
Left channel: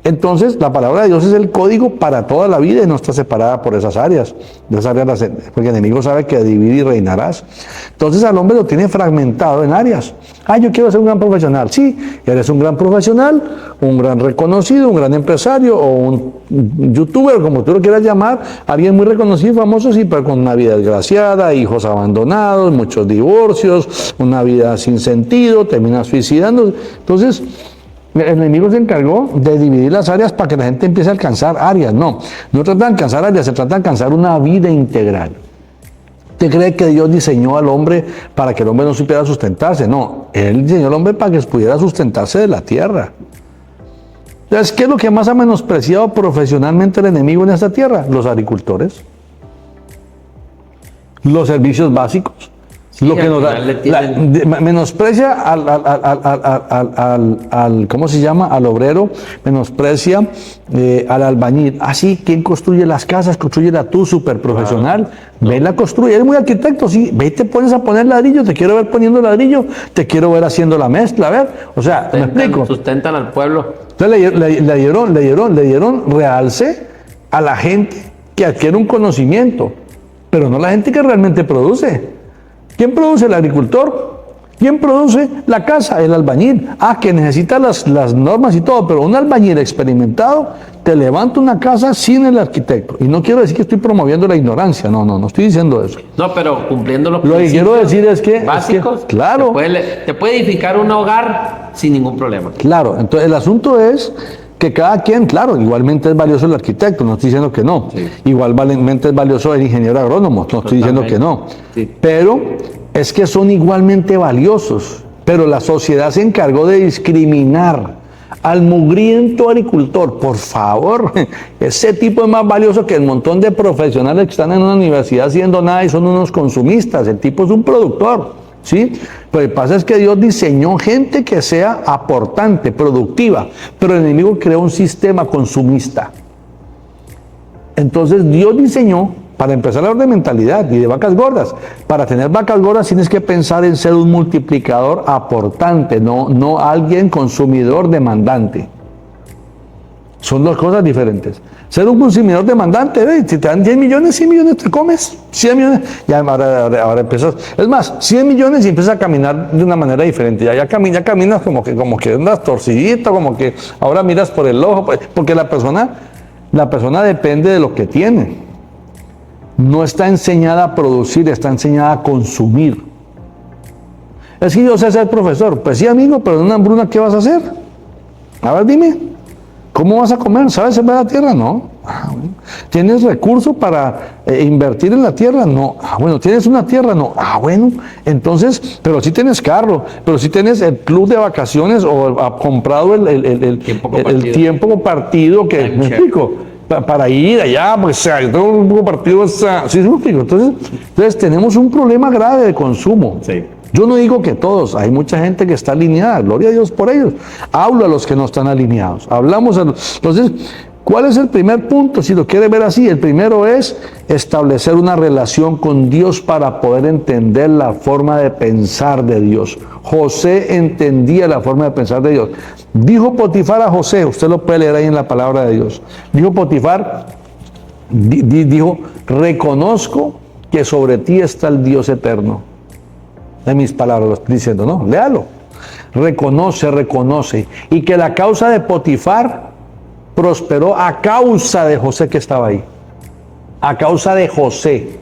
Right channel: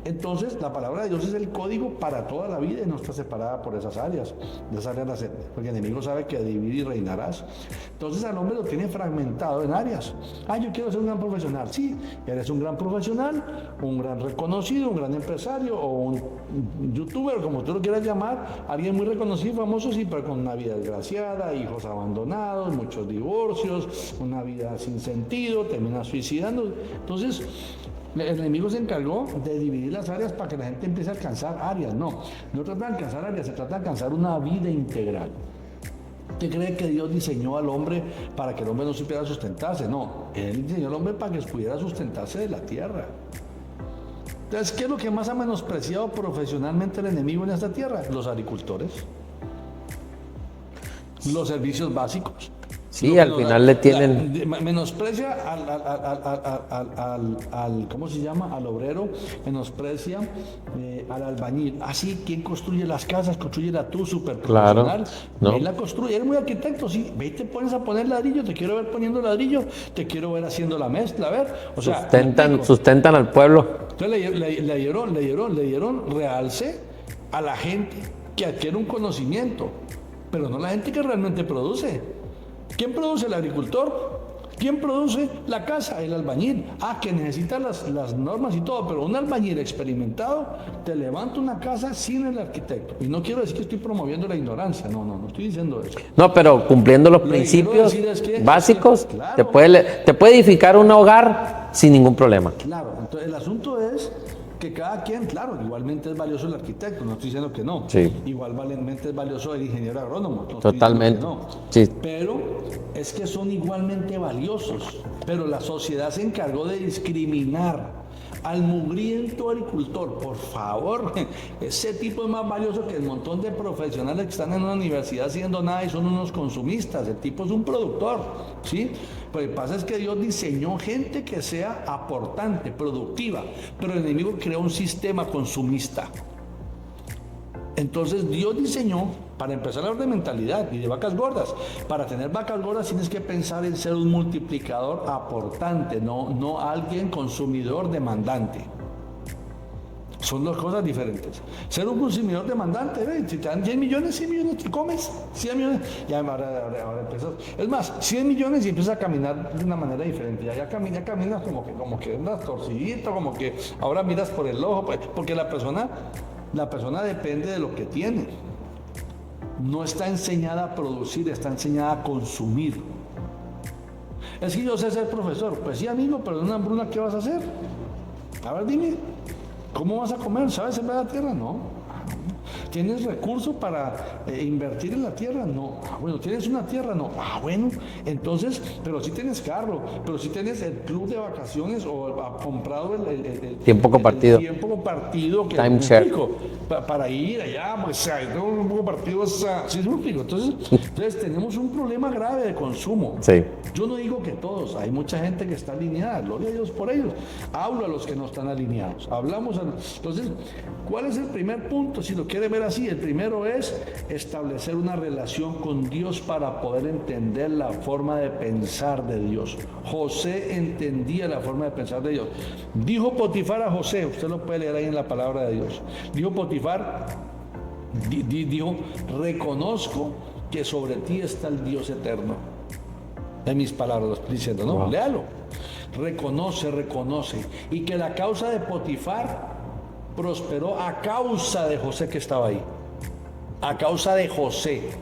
Entonces, la palabra de Dios es el código para toda la vida y no está separada por esas áreas. Porque el enemigo sabe que divide y reinarás. Entonces, al hombre lo tiene fragmentado en áreas. Yo quiero ser un gran profesional. Sí, eres un gran profesional, un gran reconocido, un gran empresario o un youtuber, como tú lo quieras llamar, alguien muy reconocido y famoso, sí, pero con una vida desgraciada, hijos abandonados, muchos divorcios, una vida sin sentido, terminas suicidando. Entonces, el enemigo se encargó de dividir las áreas para que la gente empiece a alcanzar áreas. No trata de alcanzar áreas, se trata de alcanzar una vida integral. ¿Usted cree que Dios diseñó al hombre para que el hombre no supiera sustentarse? No, Él diseñó al hombre para que pudiera sustentarse de la tierra. Entonces, ¿qué es lo que más ha menospreciado profesionalmente el enemigo en esta tierra? Los agricultores, los servicios básicos. Sí, lo que al nos final le tienen... menosprecia al ¿cómo se llama? Al obrero, menosprecia al albañil. Así, ¿quién construye las casas? Construyela tú, súper profesional. Claro. Ven, la construye, eres muy arquitecto, sí. Ve y te pones a poner ladrillo, te quiero ver poniendo ladrillo, te quiero ver haciendo la mezcla, a ver. O sea, ¿me explico? Sustentan al pueblo. Entonces le dieron realce a la gente que adquiere un conocimiento, pero no la gente que realmente produce. ¿Quién produce? El agricultor. ¿Quién produce la casa? El albañil. Que necesita las normas y todo, pero un albañil experimentado te levanta una casa sin el arquitecto. Y no quiero decir que estoy promoviendo la ignorancia, no estoy diciendo eso. No, pero cumpliendo los Lo que quiero decir es que básicos, claro, te puede edificar un hogar sin ningún problema. Claro, entonces el asunto es que cada quien, claro, igualmente es valioso el arquitecto, no estoy diciendo que no. Sí. Igualmente es valioso el ingeniero agrónomo, no estoy diciendo que no. Sí. Pero es que son igualmente valiosos. Pero la sociedad se encargó de discriminar al mugriento agricultor. Por favor, ese tipo es más valioso que el montón de profesionales que están en una universidad haciendo nada y son unos consumistas. El tipo es un productor. ¿Sí? Pero lo que pasa es que Dios diseñó gente que sea aportante, productiva, pero el enemigo creó un sistema consumista. Entonces Dios diseñó, para empezar a hablar de mentalidad y de vacas gordas, para tener vacas gordas tienes que pensar en ser un multiplicador aportante, no alguien consumidor demandante. Son dos cosas diferentes. Ser un consumidor demandante, si te dan 10 millones, 100 millones te comes, 100 millones, ya ahora empiezas, es más, 100 millones y empiezas a caminar de una manera diferente, ya caminas como que andas torcidito, como que ahora miras por el ojo, porque la persona depende de lo que tiene. No está enseñada a producir, está enseñada a consumir. Es que yo sé ser profesor, pues sí amigo, pero en una hambruna, ¿qué vas a hacer? A ver, dime. ¿Cómo vas a comer? ¿Sabes sembrar la tierra? No. Bueno. ¿Tienes recursos para invertir en la tierra? No. Bueno. ¿Tienes una tierra? No. Bueno. Entonces, pero sí tienes carro, pero sí tienes el club de vacaciones o ha comprado el tiempo compartido que me explico. Para ir allá, pues yo tengo un poco partido, ¿sí me explico? Entonces tenemos un problema grave de consumo. Sí. Yo no digo que todos, hay mucha gente que está alineada, gloria a Dios por ellos. Hablo a los que no están alineados, hablamos a los... Entonces, ¿cuál es el primer punto? Si lo quiere ver así, el primero es establecer una relación con Dios para poder entender la forma de pensar de Dios. José entendía la forma de pensar de Dios. Dijo Potifar a José, usted lo puede leer ahí en la palabra de Dios. Dijo Potifar, dijo, reconozco que sobre ti está el Dios eterno. De mis palabras lo estoy diciendo, ¿no? Léalo. Reconoce. Y que la causa de Potifar prosperó a causa de José que estaba ahí. A causa de José.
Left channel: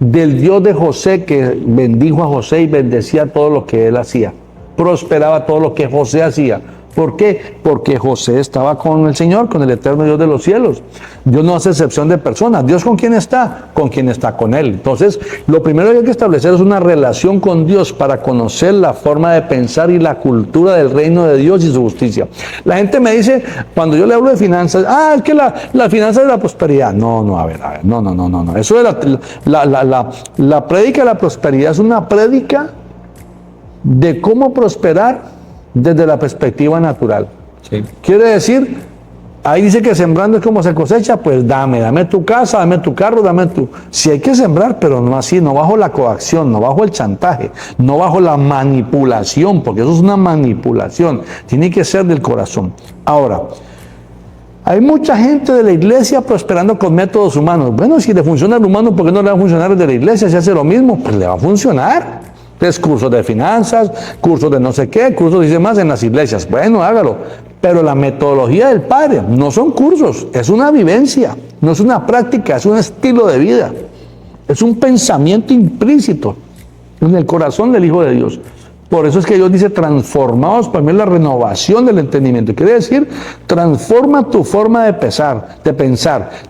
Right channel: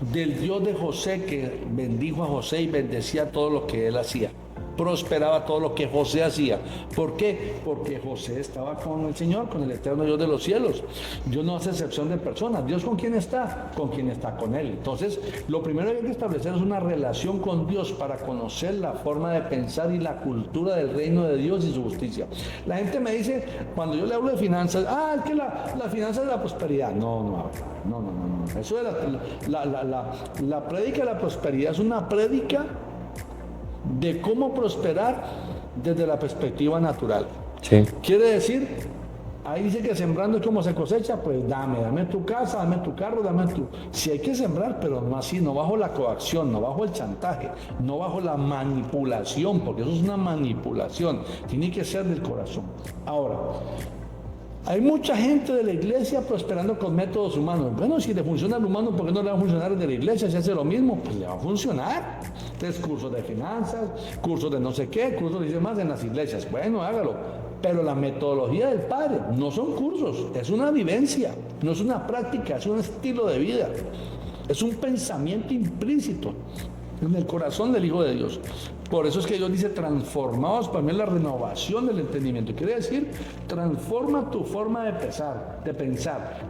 del Dios de José, que bendijo a José y bendecía todo lo que él hacía. Prosperaba todo lo que José hacía. ¿Por qué? Porque José estaba con el Señor, con el eterno Dios de los cielos. Dios no hace excepción de personas. ¿Dios con quién está? Con quien está con Él. Entonces, lo primero que hay que establecer es una relación con Dios para conocer la forma de pensar y la cultura del reino de Dios y su justicia. La gente me dice, cuando yo le hablo de finanzas, es que la finanza es la prosperidad. No, a ver, no. Eso de la prédica de la prosperidad es una prédica de cómo prosperar desde la perspectiva natural. Sí. Quiere decir, ahí dice que sembrando es como se cosecha, pues dame tu casa, dame tu carro, Si hay que sembrar, pero no así, no bajo la coacción, no bajo el chantaje, no bajo la manipulación, porque eso es una manipulación, tiene que ser del corazón. Ahora, hay mucha gente de la iglesia prosperando con métodos humanos. Bueno, si le funciona al humano, ¿por qué no le va a funcionar el de la iglesia? Si hace lo mismo, pues le va a funcionar. Entonces, cursos de finanzas, cursos de no sé qué, cursos dice más en las iglesias. Bueno, hágalo. Pero la metodología del Padre no son cursos, es una vivencia, no es una práctica, es un estilo de vida. Es un pensamiento implícito en el corazón del Hijo de Dios. Por eso es que Dios dice, transformaos, para mí la renovación del entendimiento. Quiere decir, transforma tu forma de pensar,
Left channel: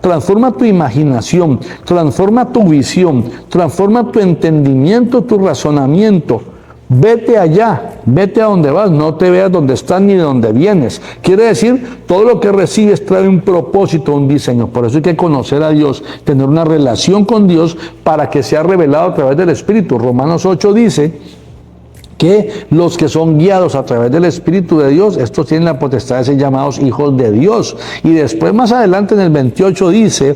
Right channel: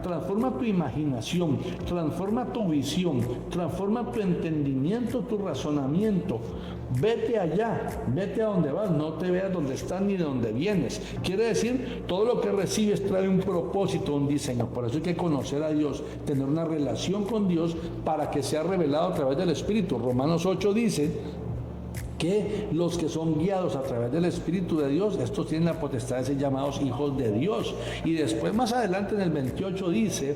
transforma tu imaginación, transforma tu visión, transforma tu entendimiento, tu razonamiento. Vete allá, vete a donde vas, no te veas donde estás ni de donde vienes. Quiere decir, todo lo que recibes trae un propósito, un diseño. Por eso hay que conocer a Dios, tener una relación con Dios para que sea revelado a través del Espíritu. Romanos 8 dice que los que son guiados a través del Espíritu de Dios, estos tienen la potestad de ser llamados hijos de Dios. Y después más adelante en el 28 dice,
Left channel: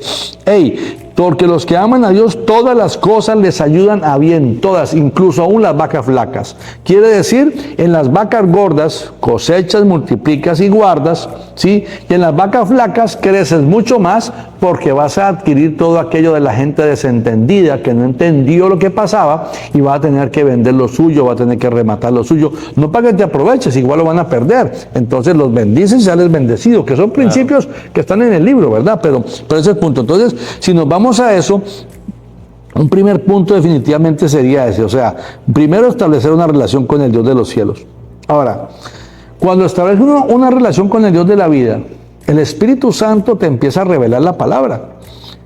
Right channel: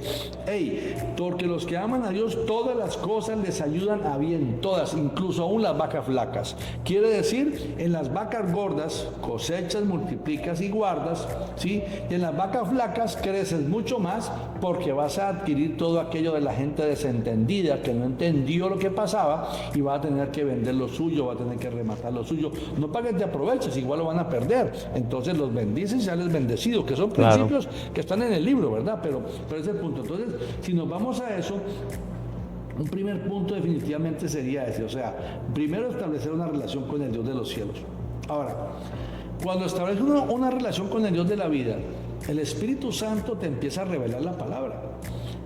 porque los que aman a Dios, todas las cosas les ayudan a bien, todas, incluso aún las vacas flacas. Quiere decir, en las vacas gordas cosechas, multiplicas y guardas, ¿sí? Y en las vacas flacas creces mucho más porque vas a adquirir todo aquello de la gente desentendida que no entendió lo que pasaba y va a tener que vender lo suyo, va a tener que rematar lo suyo, no para que te aproveches, igual lo van a perder. Entonces los bendices y sales bendecido, que son principios que están en el libro, ¿verdad? Pero ese es el punto. Entonces, si nos vamos a eso, un primer punto definitivamente sería ese, o sea, primero establecer una relación con el Dios de los cielos. Ahora, cuando estableces una relación con el Dios de la vida, el Espíritu Santo te empieza a revelar la palabra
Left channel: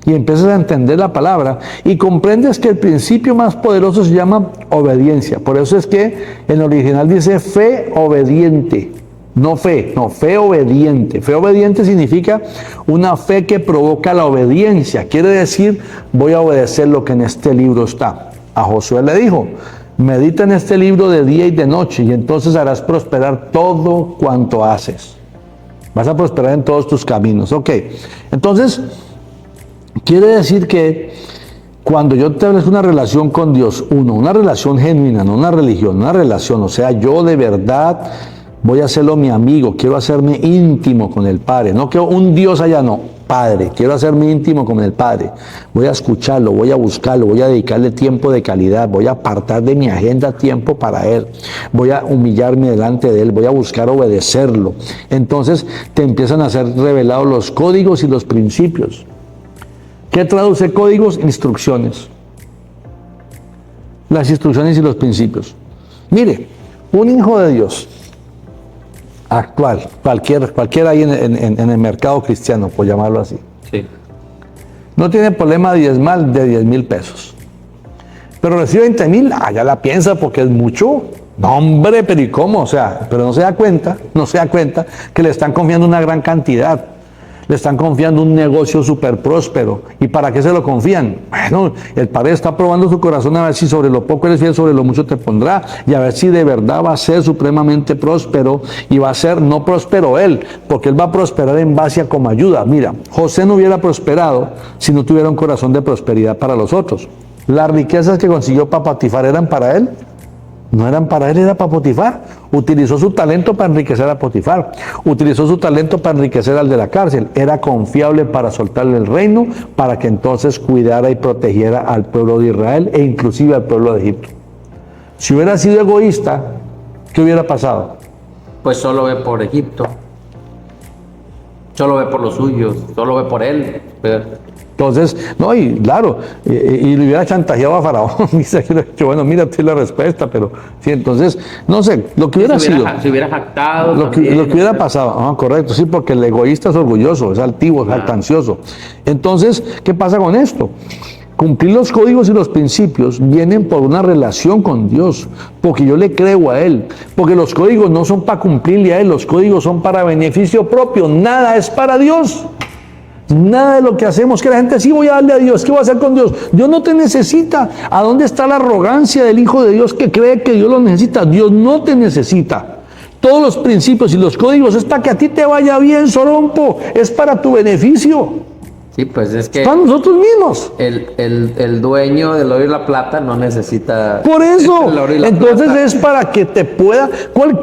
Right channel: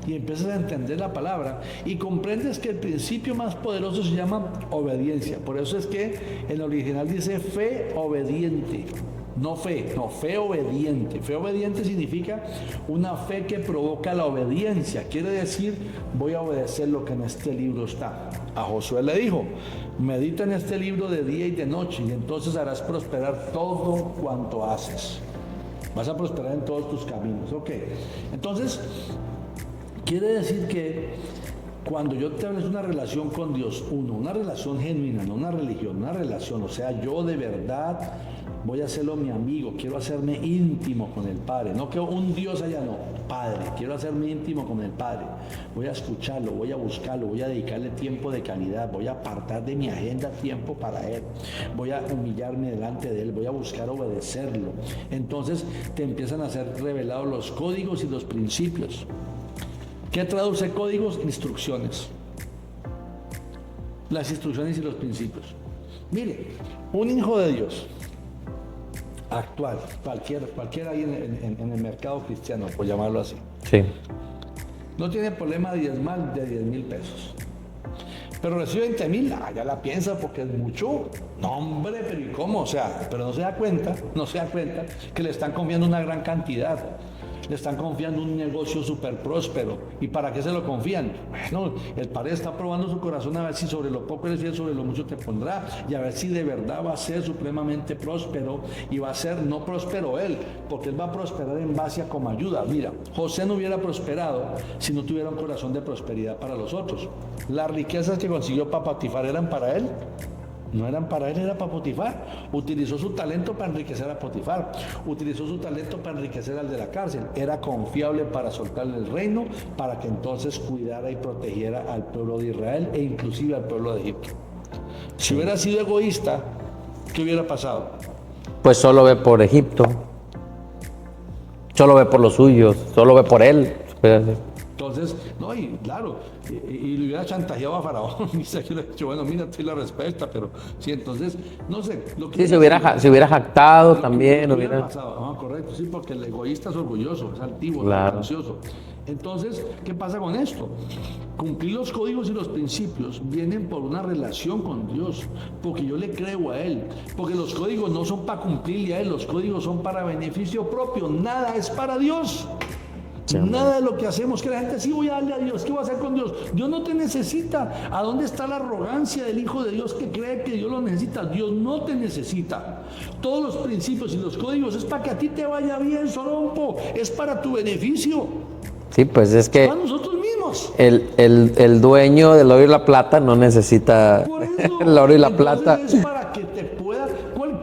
y empiezas a entender la palabra y comprendes que el principio más poderoso se llama obediencia. Por eso es que en el original dice fe obediente. No, fe obediente. Fe obediente significa una fe que provoca la obediencia. Quiere decir, voy a obedecer lo que en este libro está. A Josué le dijo, medita en este libro de día y de noche y entonces harás prosperar todo cuanto haces. Vas a prosperar en todos tus caminos. Ok, entonces, quiere decir que cuando yo establezco una relación con Dios, una relación genuina, no una religión, una relación, o sea, yo de verdad voy a hacerlo mi amigo, quiero hacerme íntimo con el Padre, no que un Dios allá, no, Padre, quiero hacerme íntimo con el Padre, voy a escucharlo, voy a buscarlo, voy a dedicarle tiempo de calidad, voy a apartar de mi agenda tiempo para Él, voy a humillarme delante de Él, voy a buscar obedecerlo. Entonces te empiezan a ser revelados los códigos y los principios. ¿Qué traduce códigos? Instrucciones. Las instrucciones y los principios. Mire, un hijo de Dios actual, cualquiera ahí en el mercado cristiano, por llamarlo así. Sí. No tiene problema de 10,000 pesos. Pero recibe 20,000, ya la piensa porque es mucho. No, hombre, pero ¿y cómo? O sea, pero no se da cuenta que le están confiando una gran cantidad. Le están confiando un negocio súper próspero. ¿Y para qué se lo confían? Bueno, el Padre está probando su corazón a ver si sobre lo poco eres fiel, sobre lo mucho te pondrá. Y a ver si de verdad va a ser supremamente próspero. Y va a ser no próspero él, porque él va a prosperar en base a como ayuda. Mira, José no hubiera prosperado si no tuviera un corazón de prosperidad para los otros. Las riquezas que consiguió para Potifar eran para él. No eran para él, era para Potifar. Utilizó su talento para enriquecer a Potifar. Utilizó su talento para enriquecer al de la cárcel. Era confiable para soltarle el reino, para que entonces cuidara y protegiera al pueblo de Israel e inclusive al pueblo de Egipto. Si hubiera sido egoísta, ¿qué hubiera pasado? Pues solo ve por Egipto. Solo ve por los suyos. Solo ve por él. Entonces, no, y claro, y le hubiera chantajeado a Faraón. Dice que le ha dicho, bueno, mira, tú la respuesta, pero sí, entonces, no sé, lo que hubiera sido. Se hubiera jactado. Lo que hubiera pasado, correcto, sí, porque el egoísta es orgulloso, es altivo, es jactancioso. Entonces, ¿qué pasa con esto? Cumplir los códigos y los principios vienen por una relación con Dios, porque yo le creo a Él, porque los códigos no son para cumplirle a Él, los códigos son para beneficio propio, nada es para Dios. Nada de lo que hacemos, que la gente sí voy a darle a Dios, ¿qué voy a hacer con Dios? Dios no te necesita. ¿A dónde está la arrogancia del Hijo de Dios que cree que Dios lo necesita? Dios no te necesita. Todos los principios y los códigos es para que a ti te vaya bien, Sorompo, es para tu beneficio. Sí, pues es que... Para nosotros mismos. El dueño del oro y la plata no necesita... Por eso, el oro y la entonces plata. Es para que te pueda...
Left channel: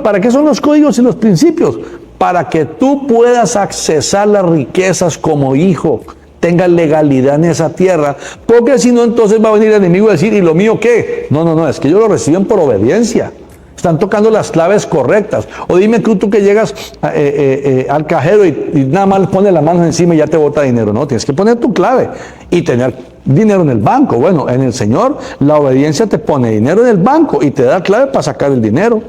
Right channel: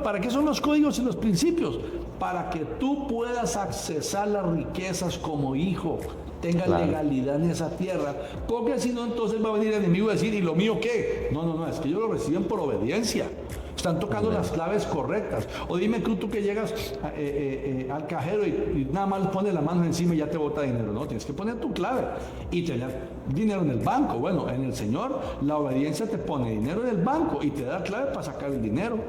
¿Para qué son los códigos y los principios? Para que tú puedas accesar las riquezas como hijo, tengas legalidad en esa tierra, porque si no, entonces va a venir el enemigo a decir, ¿y lo mío qué? No, es que ellos lo reciben por obediencia. Están tocando las claves correctas. O dime tú que llegas al cajero y nada más le pones las manos encima y ya te bota dinero. No, tienes que poner tu clave y tener dinero en el banco. Bueno, en el Señor la obediencia te pone dinero en el banco y te da clave para sacar el dinero.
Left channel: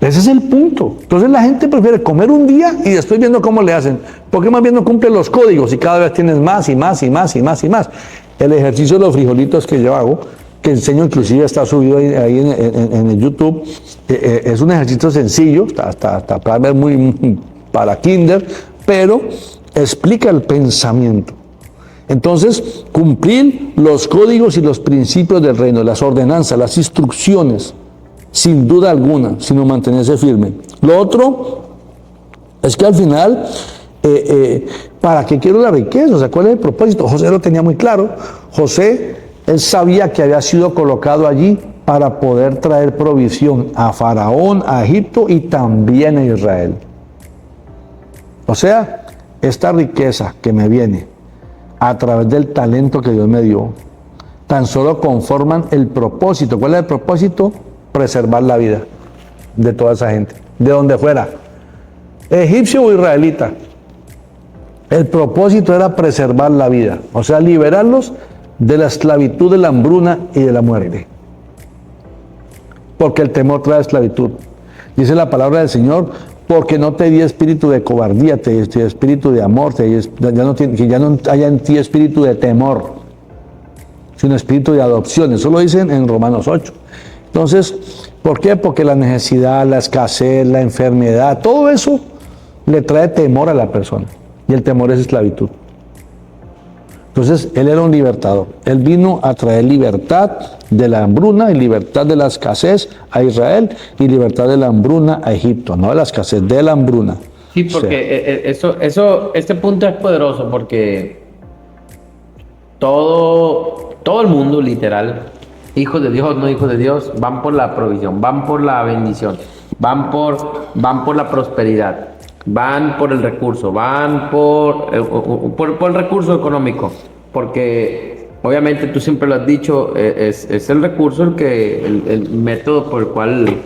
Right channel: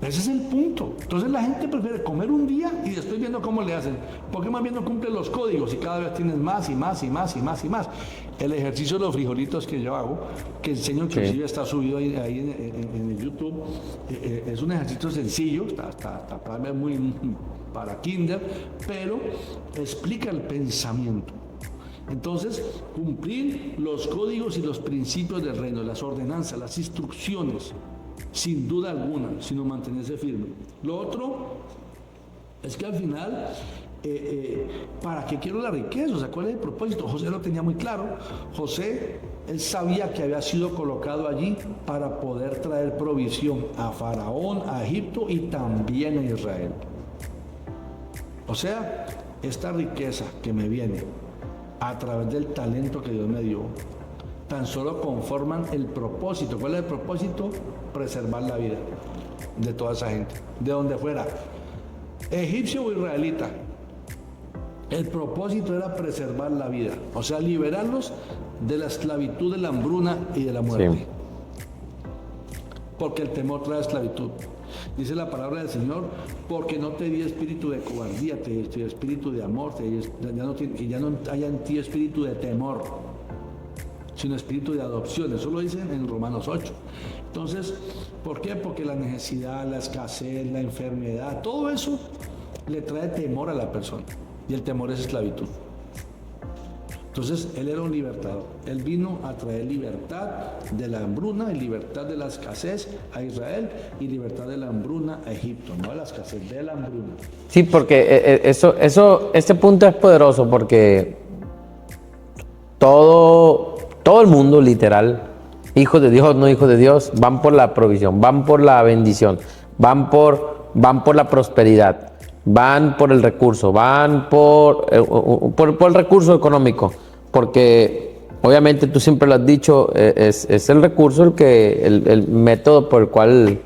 Ese es el punto. Entonces la gente prefiere comer un día y después viendo cómo le hacen. Porque más bien no cumplen los códigos y cada vez tienes más y más y más y más y más. El ejercicio de los frijolitos que yo hago, que enseño, inclusive está subido ahí en el YouTube, es un ejercicio sencillo, está para ver muy para kinder, pero explica el pensamiento. Entonces, cumplir los códigos y los principios del reino, las ordenanzas, las instrucciones, sin duda alguna, sino mantenerse firme. Lo otro es que al final, ¿para qué quiero la riqueza? O sea, ¿cuál es el propósito? José lo tenía muy claro. José, él sabía que había sido colocado allí para poder traer provisión a Faraón, a Egipto y también a Israel. O sea, esta riqueza que me viene a través del talento que Dios me dio, tan solo conforman el propósito. ¿Cuál es el propósito? Preservar la vida de toda esa gente, de donde fuera, egipcio o israelita. El propósito era preservar la vida, o sea, liberarlos de la esclavitud, de la hambruna y de la muerte. Sí. Porque el temor trae esclavitud. Dice la palabra del Señor, porque no te di espíritu de cobardía, te di espíritu de amor, que ya no haya en ti espíritu de temor, sino espíritu de adopción. Eso lo dicen en Romanos 8. Entonces, ¿por qué? Porque la necesidad, la escasez, la enfermedad, todo eso le trae temor a la persona. Y el temor es esclavitud. Entonces, él era un libertador. Él vino a traer libertad de la hambruna y libertad de la escasez a Israel y libertad de la hambruna a Egipto. No de la escasez, de la hambruna. Sí, porque este punto es poderoso porque todo el mundo, literal, hijos de Dios, no hijos de Dios, van por la provisión, van por la bendición, van por la prosperidad, van por el recurso, van por el recurso económico, porque obviamente tú siempre lo has dicho, es el recurso el método por el cual,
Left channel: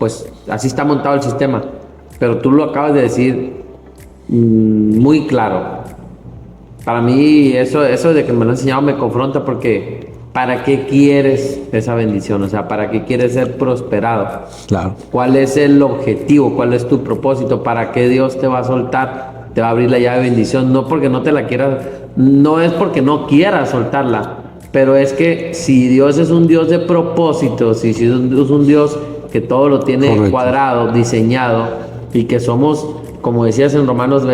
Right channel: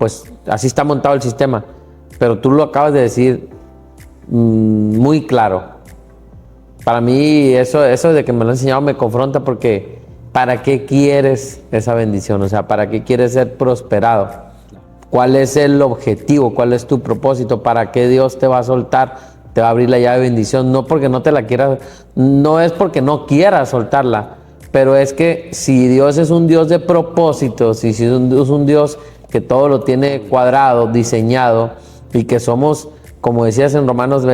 pues así está montado el sistema, pero tú lo acabas de decir muy claro. Para mí eso de que me lo han enseñado me confronta porque ¿para qué quieres esa bendición? O sea, ¿para qué quieres ser prosperado? Claro. ¿Cuál es el objetivo? ¿Cuál es tu propósito? ¿Para qué Dios te va a soltar? Te va a abrir la llave de bendición. No porque no te la quieras, no es porque no quieras soltarla, pero es que si Dios es un Dios de propósitos, si es un Dios que todo lo tiene correcto, cuadrado, diseñado, y que somos, como decías en Romanos,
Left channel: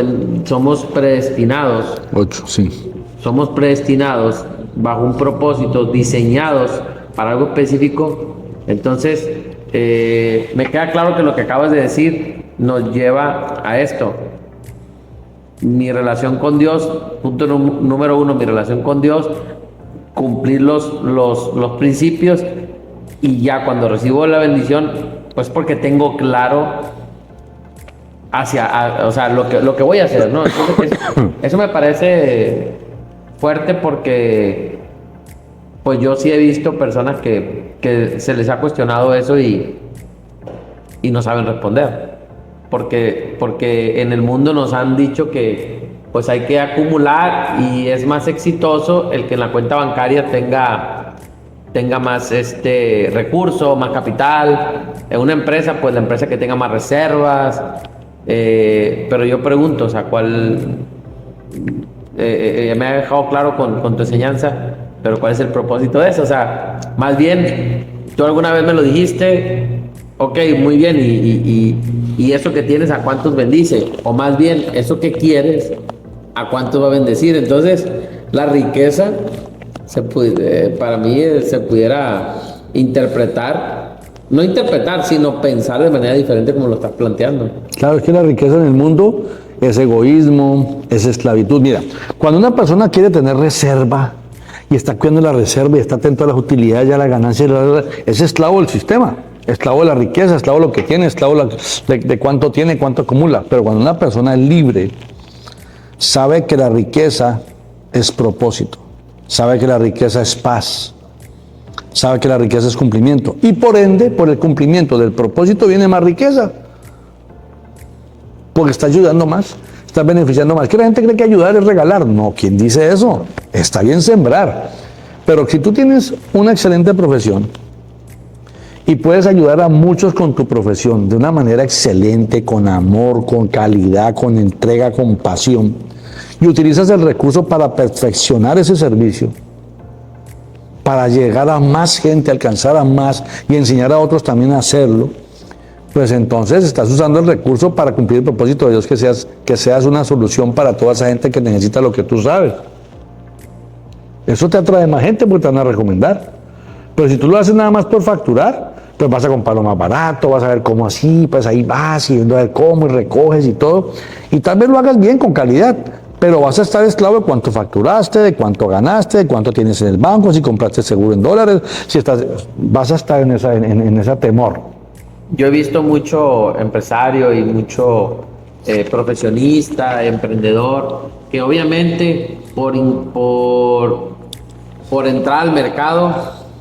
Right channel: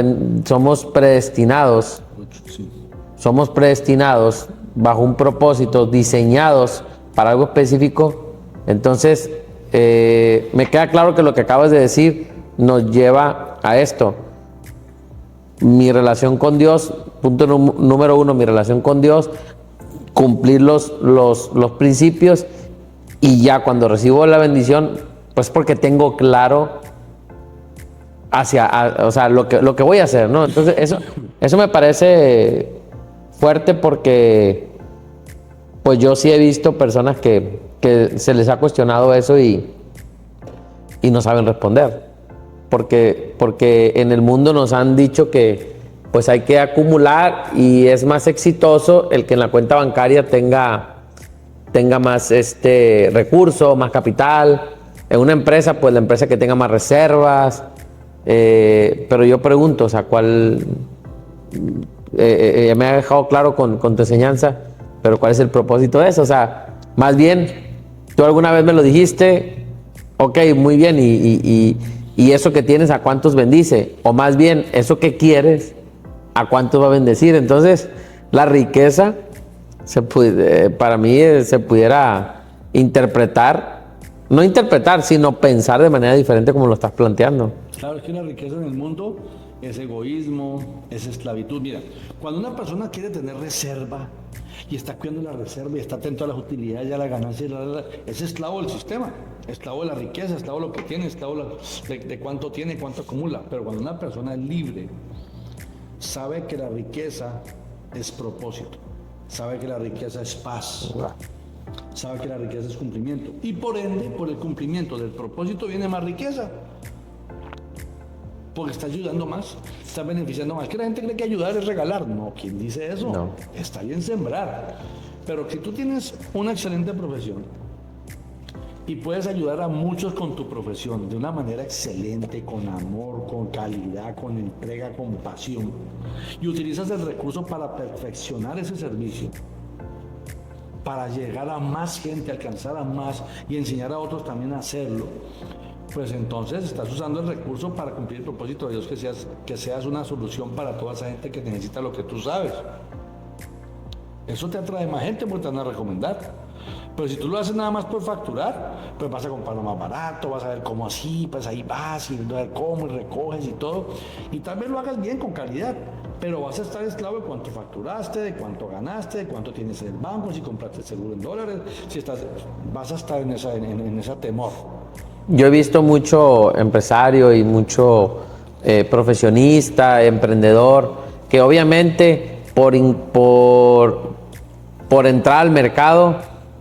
somos predestinados. 8, sí. Somos predestinados bajo un propósito, diseñados para algo específico. Entonces, me queda claro que lo que acabas de decir nos lleva a esto. Mi relación con Dios, punto número 1, mi relación con Dios, cumplir los principios, y ya cuando recibo la bendición, pues porque tengo claro o sea, lo que voy a hacer, ¿no? Entonces, eso me parece fuerte porque pues yo sí he visto personas que se les ha cuestionado eso y no saben responder. Porque en el mundo nos han dicho que pues hay que acumular y es más exitoso el que en la cuenta bancaria tenga más recurso, más capital. En una empresa, pues la empresa que tenga más reservas. Pero yo pregunto, o sea, ¿cuál? Ya me ha dejado claro con tu enseñanza, pero ¿cuál es el propósito de eso? O sea, más bien, tú alguna vez me lo dijiste, ok, muy bien, y eso que tienes, ¿a cuántos bendice? O más bien, eso que quieres, ¿a cuántos va a bendecir? Entonces, la riqueza, para mí, se pudiera no interpretar, sino pensar de manera diferente como lo estás planteando. Claro, es que la riqueza en el mundo es egoísmo, es esclavitud. Mira, cuando una persona quiere tener reserva y está cuidando la reserva y está atento a las utilidades y a la ganancia, es esclavo del sistema, esclavo de la riqueza, esclavo de lo que tiene, esclavo de cuánto tiene, cuánto acumula. Pero cuando una persona es libre, sabe que la riqueza es propósito, sabe que la riqueza es paz, sabe que la riqueza es cumplimiento. Y por ende, por el cumplimiento del propósito viene más riqueza. Porque está ayudando más, está beneficiando más. Que la gente cree que ayudar es regalar. No, ¿quién dice eso? No. Está bien sembrar. Pero si tú tienes una excelente profesión y puedes ayudar a muchos con tu profesión de una manera excelente, con amor, con calidad, con entrega, con pasión, y utilizas el recurso para perfeccionar ese servicio, para llegar a más gente, alcanzar a más y enseñar a otros también a hacerlo, pues entonces estás usando el recurso para cumplir el propósito de Dios, que seas una solución para toda esa gente que necesita lo que tú sabes. Eso te atrae más gente porque te van a recomendar. Pero si tú lo haces nada más por facturar, pues vas a comprar lo más barato, vas a ver cómo así, pues ahí vas y viendo a ver cómo y recoges y todo. Y tal vez lo hagas bien, con calidad, pero vas a estar esclavo de cuánto facturaste, de cuánto ganaste, de cuánto tienes en el banco, si compraste seguro en dólares, vas a estar en ese temor. Yo he visto mucho empresario y mucho profesionista, emprendedor, que obviamente por entrar al mercado,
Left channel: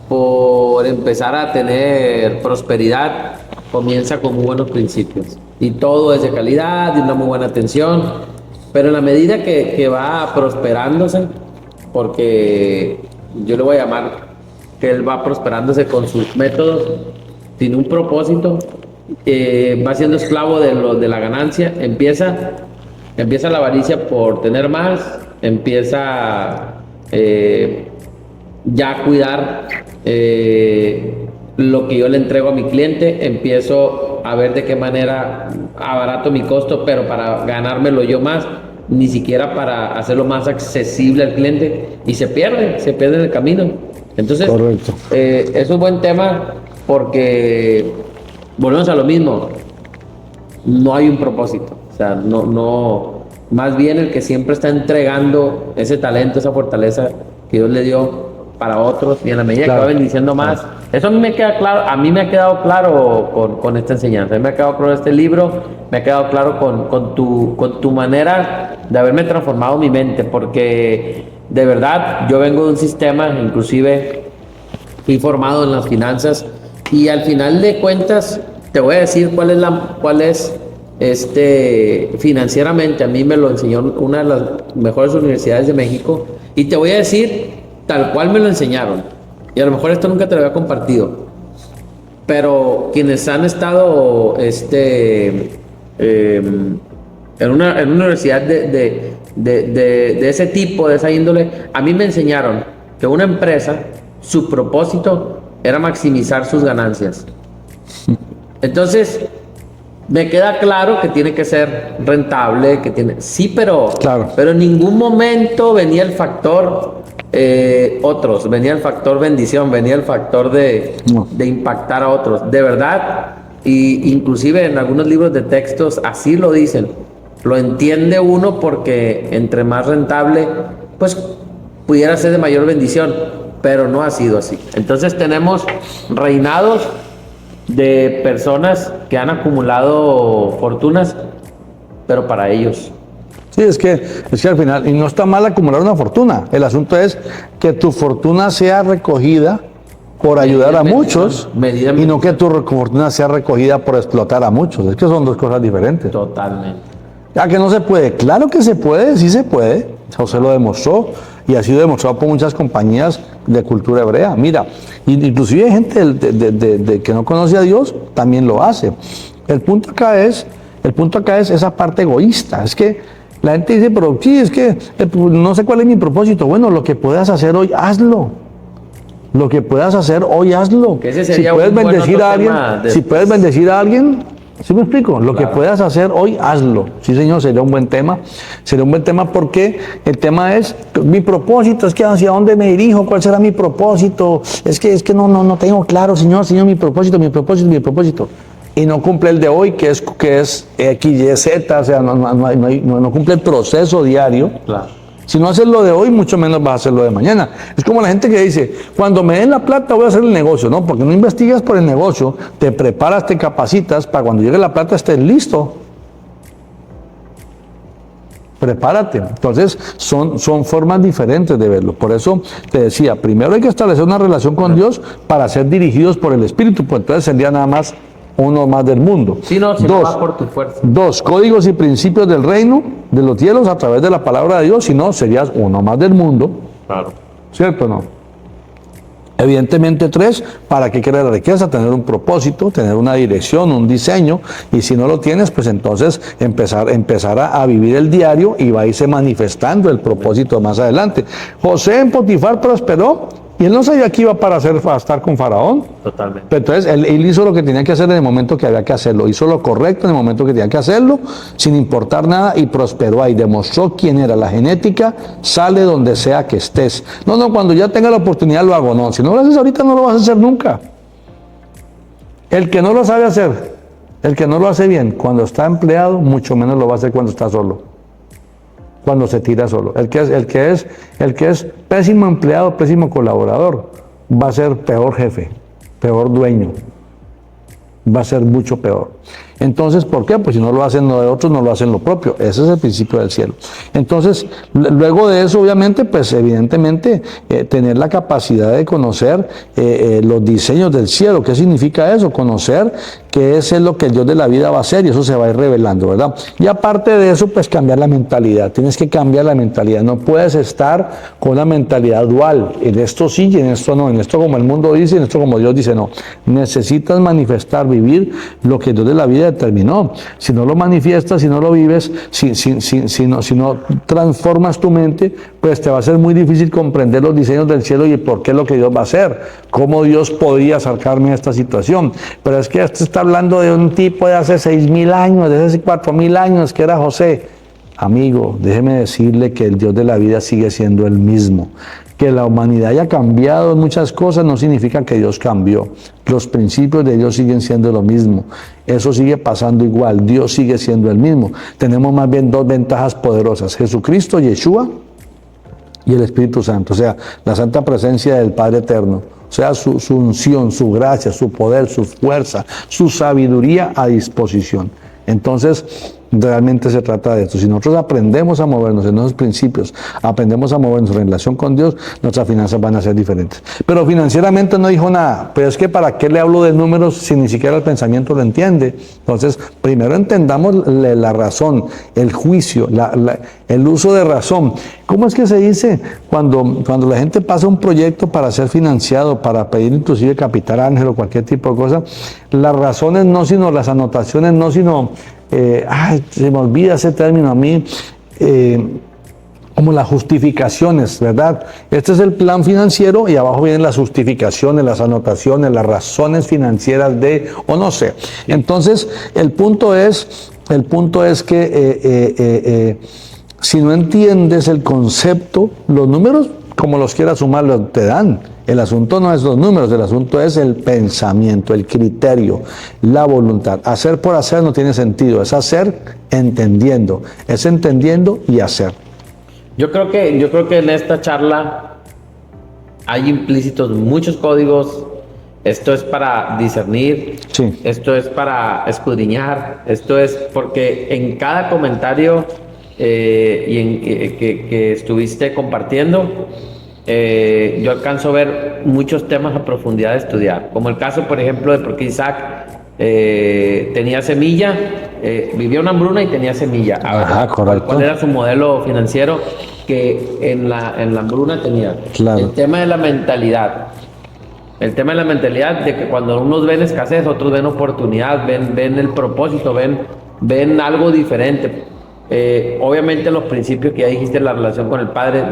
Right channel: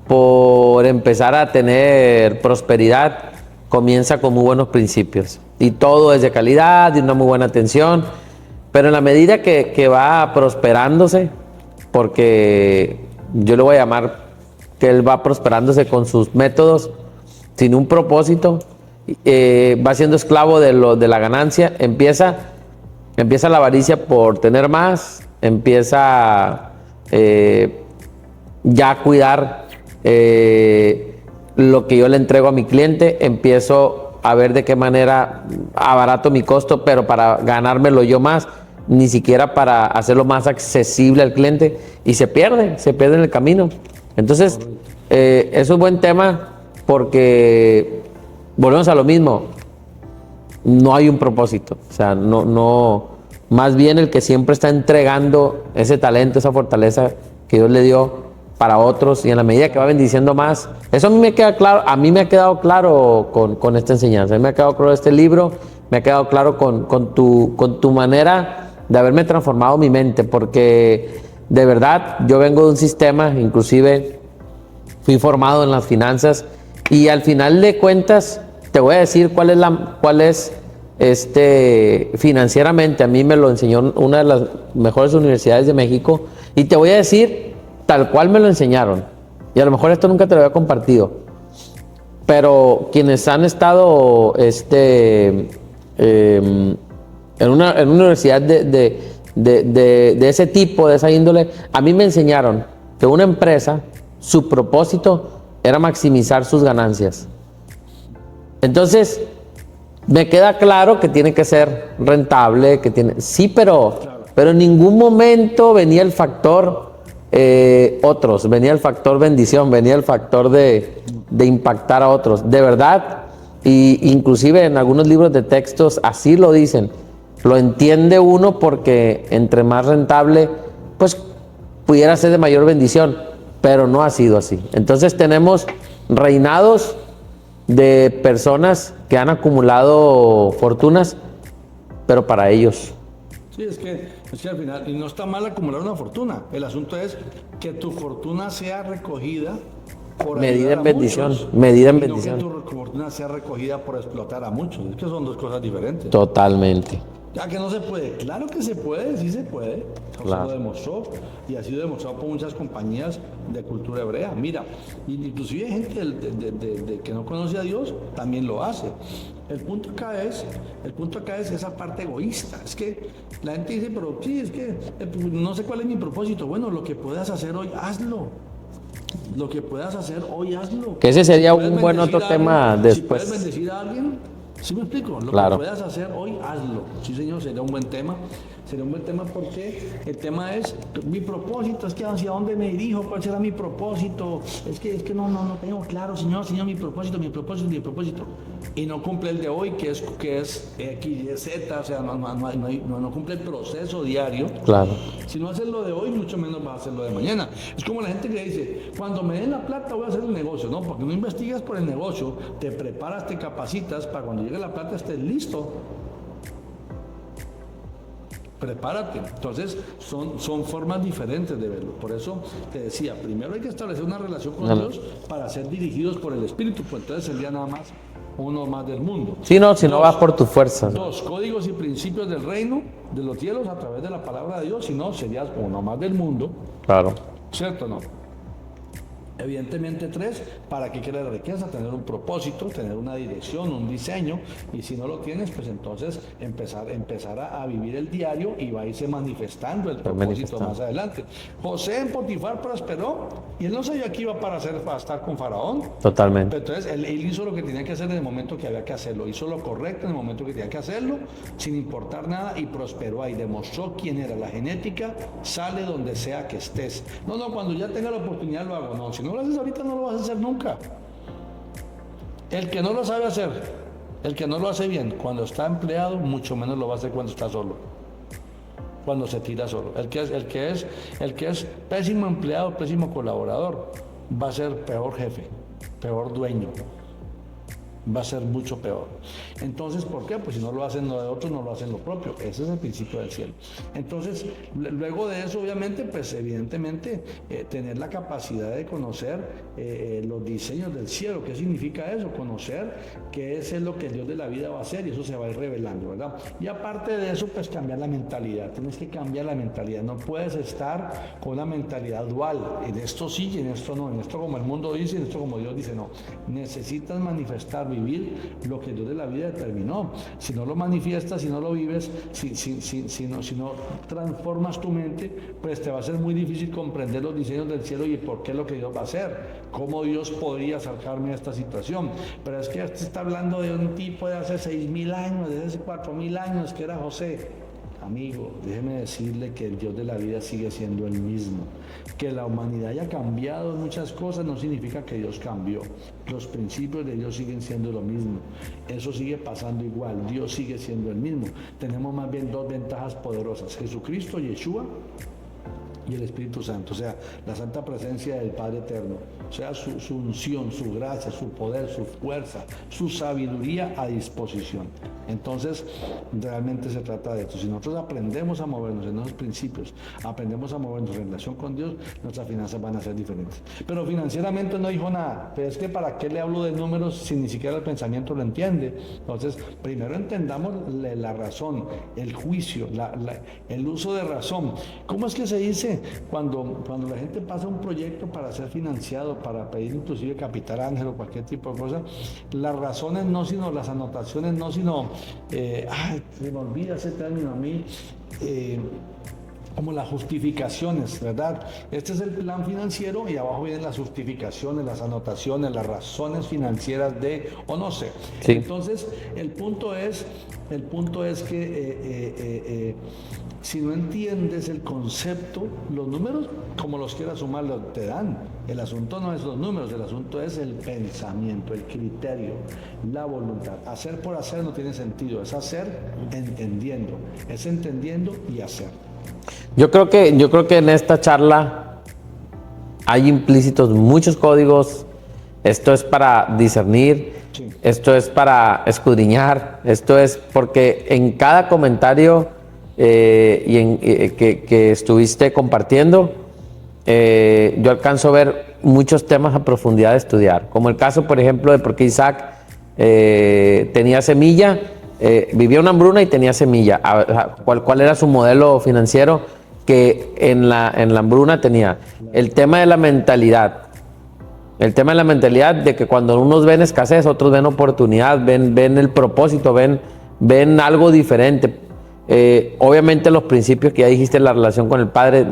por empezar a tener prosperidad, comienza con muy buenos principios. Y todo es de calidad, y una muy buena atención, pero en la medida que va prosperándose, porque yo le voy a llamar que él va prosperándose con sus métodos, sin un propósito, va siendo esclavo de la ganancia, empieza la avaricia por tener más, empieza ya a cuidar lo que yo le entrego a mi cliente, empiezo a ver de qué manera abarato mi costo, pero para ganármelo yo más, ni siquiera para hacerlo más accesible al cliente, y se pierde en el camino. Entonces, es un buen tema, porque volvemos a lo mismo, no hay un propósito, o sea, no, más bien el que siempre está entregando ese talento, esa fortaleza que Dios le dio para otros, y en la medida que va bendiciendo más, eso a mí me queda claro, a mí me ha quedado claro con esta enseñanza, a mí me ha quedado claro este libro, me ha quedado claro con tu manera de haberme transformado mi mente, porque de verdad yo vengo de un sistema, inclusive fui formado en las finanzas, y al final de cuentas te voy a decir cuál es financieramente. A mí me lo enseñó una de las mejores universidades de México, y te voy a decir tal cual me lo enseñaron, y a lo mejor esto nunca te lo había compartido, pero quienes han estado en una universidad de ese tipo, de esa índole, a mí me enseñaron que una empresa, su propósito era maximizar sus ganancias. Entonces, me queda claro que tiene que ser rentable, sí, pero en ningún momento venía el factor venía el factor bendición, venía el factor de impactar a otros. De verdad, y inclusive en algunos libros de textos así lo dicen. Lo entiende uno porque entre más rentable, pues pudiera ser de mayor bendición, pero no ha sido así. Entonces tenemos reinados de personas que han acumulado fortunas, pero para ellos. Sí, es que al final, y no está mal acumular una fortuna, el asunto es que tu fortuna sea recogida por ayudar a muchos, y no que tu fortuna sea recogida por explotar a muchos. Es que son dos cosas diferentes. Totalmente. Ya que no se puede, claro que se puede, sí se puede. José lo demostró y ha sido demostrado por muchas compañías de cultura hebrea. Mira, inclusive hay gente que no conoce a Dios, también lo hace. El punto acá es esa parte egoísta. Es que la gente dice, pero sí, es que no sé cuál es mi propósito. Bueno, lo que puedas hacer hoy, hazlo. Lo que puedas hacer hoy, hazlo. Que ese sería si puedes un buen bendecir a alguien, tema si puedes bendecir a alguien, ¿sí me explico? Lo Claro. que puedas hacer hoy, hazlo. Sí, señor, sería un buen tema. Sería un buen tema porque el tema es, mi propósito, es que hacia dónde me dirijo, cuál será mi propósito. Es que no tengo claro, Señor, mi propósito. Y no cumple el de hoy, que es X, Y, Z, o sea, no cumple el proceso diario. Claro. Si no haces lo de hoy, mucho menos vas a hacer lo de mañana. Es como la gente que dice, cuando me den la plata voy a hacer el negocio. No, porque no investigas por el negocio, te preparas, te capacitas, para cuando llegue la plata estés listo. Prepárate. Entonces, son formas diferentes de verlo. Por eso te decía, primero hay que establecer una relación con Dios para ser dirigidos por el Espíritu, pues entonces sería nada más uno más del mundo. Si no vas por tu fuerza. 2, códigos y principios del reino de los cielos a través de la palabra de Dios, si no, serías uno más del mundo. Claro. ¿Cierto o no? Evidentemente 3, ¿para qué quiere la riqueza? Tener un propósito, tener una dirección, un diseño, y si no lo tienes, pues entonces empezar a vivir el diario y va a irse manifestando el propósito más adelante. José en Potifar prosperó y él no sabía que iba para estar con Faraón. Totalmente. Pero entonces él hizo lo que tenía que hacer en el momento que había que hacerlo, hizo lo correcto en el momento que tenía que hacerlo, sin importar nada, y prosperó ahí, demostró quién era. La genética sale donde sea que estés. No, cuando ya tenga la oportunidad lo hago. No, si no lo haces ahorita no lo vas a hacer nunca. El que no lo sabe hacer, el que no lo hace bien, cuando está empleado, mucho menos lo va a hacer cuando está solo. Cuando se tira solo. El que es pésimo empleado, pésimo colaborador, va a ser peor jefe, peor dueño. Va a ser mucho peor. Entonces, ¿por qué? Pues si no lo hacen lo de otros, no lo hacen lo propio. Ese es el principio del cielo. Entonces, luego de eso, obviamente, pues evidentemente, tener la capacidad de conocer los diseños del cielo. ¿Qué significa eso? Conocer qué es lo que el Dios de la vida va a hacer, y eso se va a ir revelando, ¿verdad? Y aparte de eso, pues cambiar la mentalidad. Tienes que cambiar la mentalidad. No puedes estar con una mentalidad dual. En esto sí y en esto no. En esto como el mundo dice y en esto como Dios dice no. Necesitas manifestar, vivir lo que Dios de la vida determinó. Si no lo manifiestas, si no lo vives, si no transformas tu mente, pues te va a ser muy difícil comprender los diseños del cielo y por qué es lo que Dios va a hacer, cómo Dios podía sacarme de esta situación. Pero es que esto está hablando de un tipo de hace 6.000 años, de hace 4.000 años, que era José. Amigo, déjeme decirle que el Dios de la vida sigue siendo el mismo. Que la humanidad haya cambiado en muchas cosas no significa que Dios cambió. Los principios de Dios siguen siendo lo mismo. Eso sigue pasando igual. Dios sigue siendo el mismo. Tenemos más bien dos ventajas poderosas. Jesucristo, Yeshua, y el Espíritu Santo. O sea, la santa presencia del Padre Eterno. O sea, su unción, su gracia, su poder, su fuerza, su sabiduría a disposición. Entonces, realmente se trata de esto. Si nosotros aprendemos a movernos en esos principios, aprendemos a movernos en relación con Dios, nuestras finanzas van a ser diferentes. Pero financieramente no dijo nada. Pero es que ¿para qué le hablo de números si ni siquiera el pensamiento lo entiende? Entonces, primero entendamos la razón, el juicio, el uso de razón. ¿Cómo es que se dice cuando la gente pasa un proyecto para ser financiado, para pedir inclusive capital ángel o cualquier tipo de cosa? Las razones no, sino las anotaciones no, sino... se me olvida ese término a mí, como las justificaciones, ¿verdad? Este es el plan financiero y abajo vienen las justificaciones, las anotaciones, las razones financieras de, o no sé. Sí. Entonces, el punto es que si no entiendes el concepto, los números, como los quieras sumar, te dan. El asunto no es los números, el asunto es el pensamiento, el criterio, la voluntad. Hacer por hacer no tiene sentido, es hacer entendiendo, es entendiendo y hacer. Yo creo que en esta charla hay implícitos muchos códigos. Esto es para discernir, sí. Esto es para escudriñar, esto es porque en cada comentario que estuviste compartiendo, yo alcanzo a ver muchos temas a profundidad de estudiar, como el caso, por ejemplo, de por qué Isaac tenía semilla vivía una hambruna y tenía semilla. ¿Cuál era su modelo financiero? Que en la hambruna tenía el tema de la mentalidad. El tema de la mentalidad de que cuando unos ven escasez, otros ven oportunidad, ven el propósito, ven algo diferente. Obviamente los principios que ya dijiste en la relación con el Padre,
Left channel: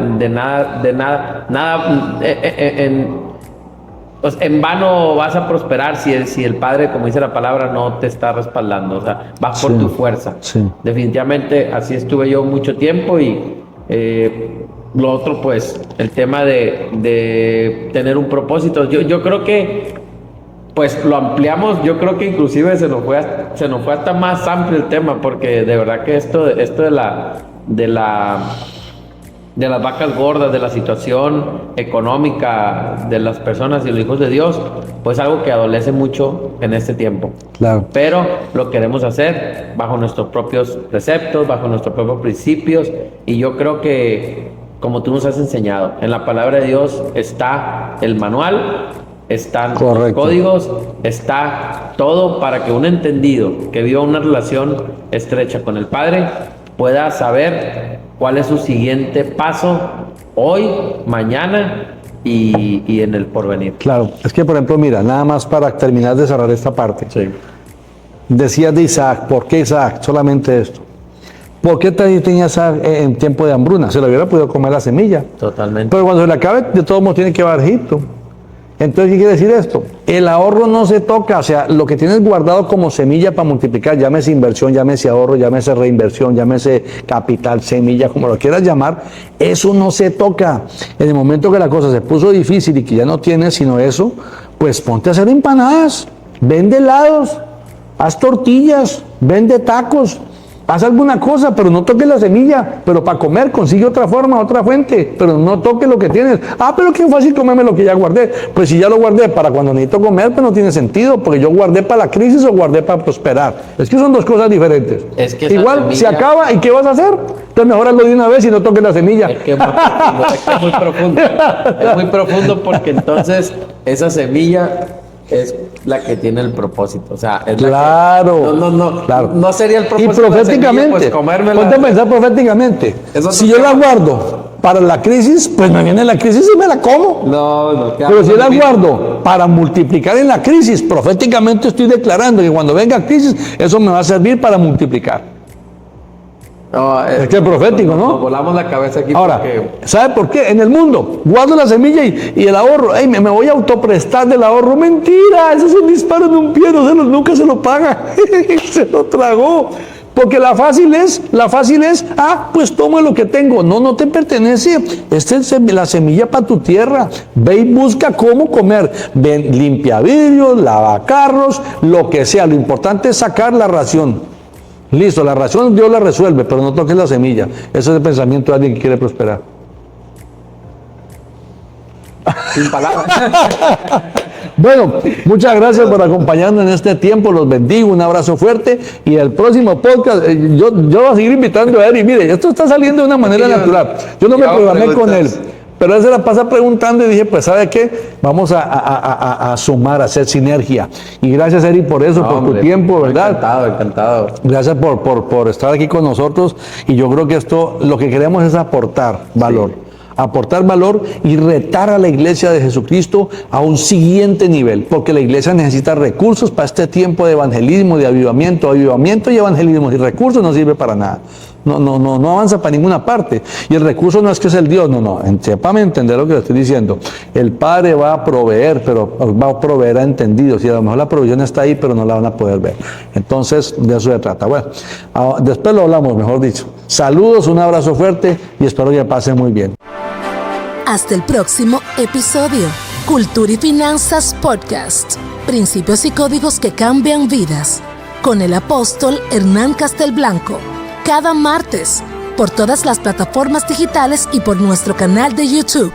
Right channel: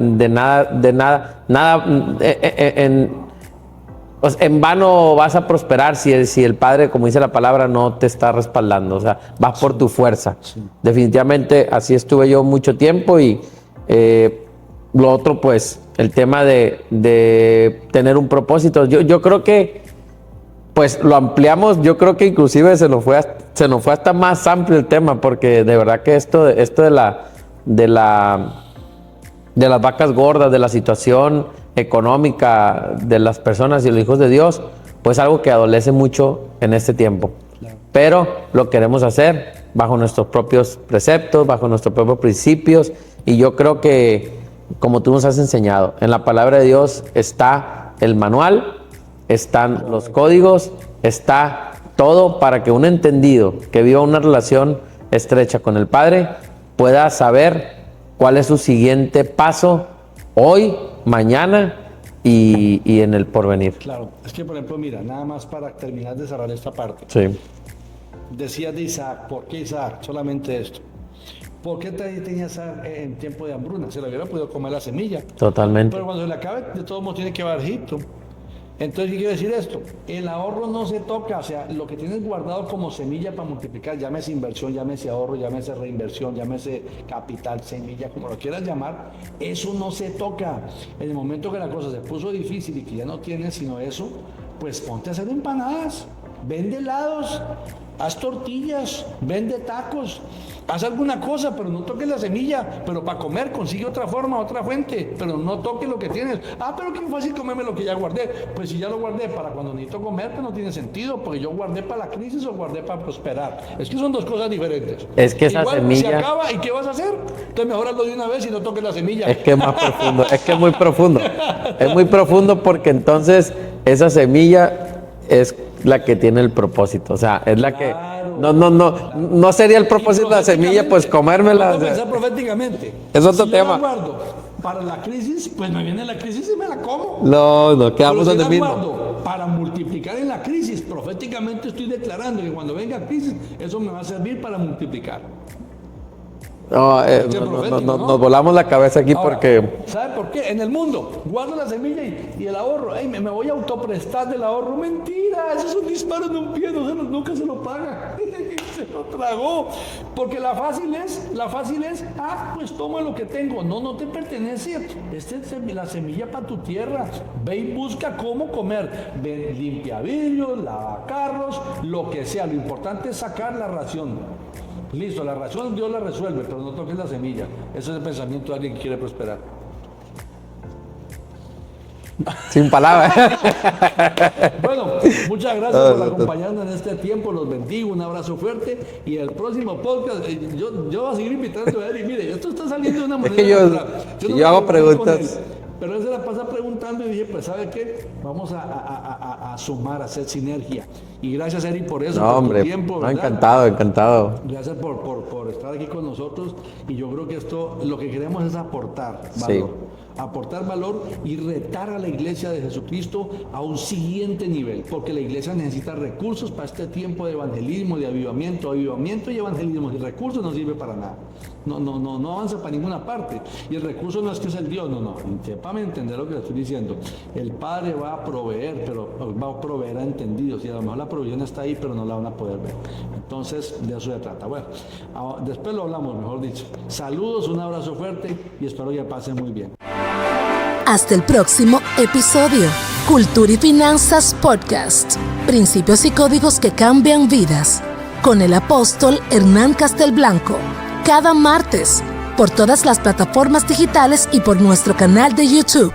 en vano vas a prosperar si el Padre, como dice la palabra, no te está respaldando. O sea, vas por tu fuerza. Sí. Definitivamente así estuve yo mucho tiempo y lo otro, pues, el tema de tener un propósito. Yo creo que, pues, lo ampliamos. Yo creo que inclusive se nos fue hasta más amplio el tema, porque de verdad que esto de las vacas gordas, de la situación económica de las personas y los hijos de Dios, pues algo que adolece mucho en este tiempo. Claro. Pero lo queremos hacer bajo nuestros propios preceptos, bajo nuestros propios principios, y yo creo que, como tú nos has enseñado, en la palabra de Dios está el manual, están los códigos, está todo para que un entendido que viva una relación estrecha con el Padre pueda saber cuál es su siguiente paso hoy, mañana y en el porvenir. Claro, es que por ejemplo, mira, nada más para terminar de cerrar esta parte. Sí. Decías de Isaac, ¿por qué Isaac? Solamente esto. ¿Por qué tenía Isaac en tiempo de hambruna? Se lo hubiera podido comer la semilla. Totalmente. Pero cuando se le acabe, de todos modos tiene que ir a Egipto. Entonces, ¿qué quiere decir esto? El ahorro no se toca, o sea, lo que tienes guardado como semilla para multiplicar, llámese inversión, llámese ahorro, llámese reinversión, llámese capital, semilla, como lo quieras llamar, eso no se toca. En el momento que la cosa se puso difícil y que ya no tienes sino eso, pues ponte a hacer empanadas, vende helados, haz tortillas, vende tacos. Haz alguna cosa, pero no toques la semilla. Pero para comer consigue otra forma, otra fuente. Pero no toques lo que tienes. Pero qué fácil comerme lo que ya guardé. Pues si ya lo guardé para cuando necesito comer, pues no tiene sentido. Porque yo guardé para la crisis o guardé para prosperar. Es que son dos cosas diferentes. Es que igual semilla... se acaba y ¿qué vas a hacer? Entonces mejor hazlo de una vez y no toques la semilla. Es que es más profundo. Es que es muy profundo. Es muy profundo porque entonces esa semilla es la que tiene el propósito, o sea, es la que claro. No sería el propósito de la semilla, pues comérmela. Ponte a pensar proféticamente. Si yo la guardo para la crisis, pues me viene la crisis y me la como. Pero si la guardo para multiplicar en la crisis, proféticamente estoy declarando que cuando venga crisis, eso me va a servir para multiplicar. Es que es profético, ¿no? Nos volamos la cabeza aquí. Ahora, porque... ¿sabe por qué? En el mundo, guardo la semilla y el ahorro. Me voy a autoprestar del ahorro. Mentira, eso es un disparo de un pie, nunca se lo paga. Se lo tragó. Porque la fácil es, pues toma lo que tengo. No te pertenece. Esta es la semilla para tu tierra. Ve y busca cómo comer. Ven, limpia vidrios, lava carros, lo que sea. Lo importante es sacar la ración. Listo, la ración Dios la resuelve, pero no toques la semilla. Eso es el pensamiento de alguien que quiere prosperar. Sin palabras. Bueno, muchas gracias por acompañarnos en este tiempo. Los bendigo, un abrazo fuerte. Y el próximo podcast, yo voy a seguir invitando a él. Y mire, esto está saliendo de una manera natural. Yo no me programé con él. Pero él se la pasa preguntando y dije, pues ¿sabe qué? Vamos a sumar, a hacer sinergia. Y gracias, Eri, por eso, por tu tiempo, ¿verdad? Encantado. Gracias por estar aquí con nosotros. Y yo creo que esto, lo que queremos es aportar valor. Sí. Aportar valor y retar a la iglesia de Jesucristo a un siguiente nivel, porque la iglesia necesita recursos para este tiempo de evangelismo, de avivamiento y evangelismo, y recursos no sirve para nada. No avanza para ninguna parte. Y el recurso no es que es el Dios, sépame entender lo que le estoy diciendo. El Padre va a proveer, pero va a proveer a entendidos, y a lo mejor la provisión está ahí, pero no la van a poder ver. Entonces, de eso se trata. Bueno, después lo hablamos, mejor dicho. Saludos, un abrazo fuerte y espero que pasen muy bien. Hasta el próximo episodio. Cultura y Finanzas Podcast. Principios y códigos que cambian vidas. Con el apóstol Hernán Castelblanco. Cada martes. Por todas las plataformas digitales y por nuestro canal de YouTube.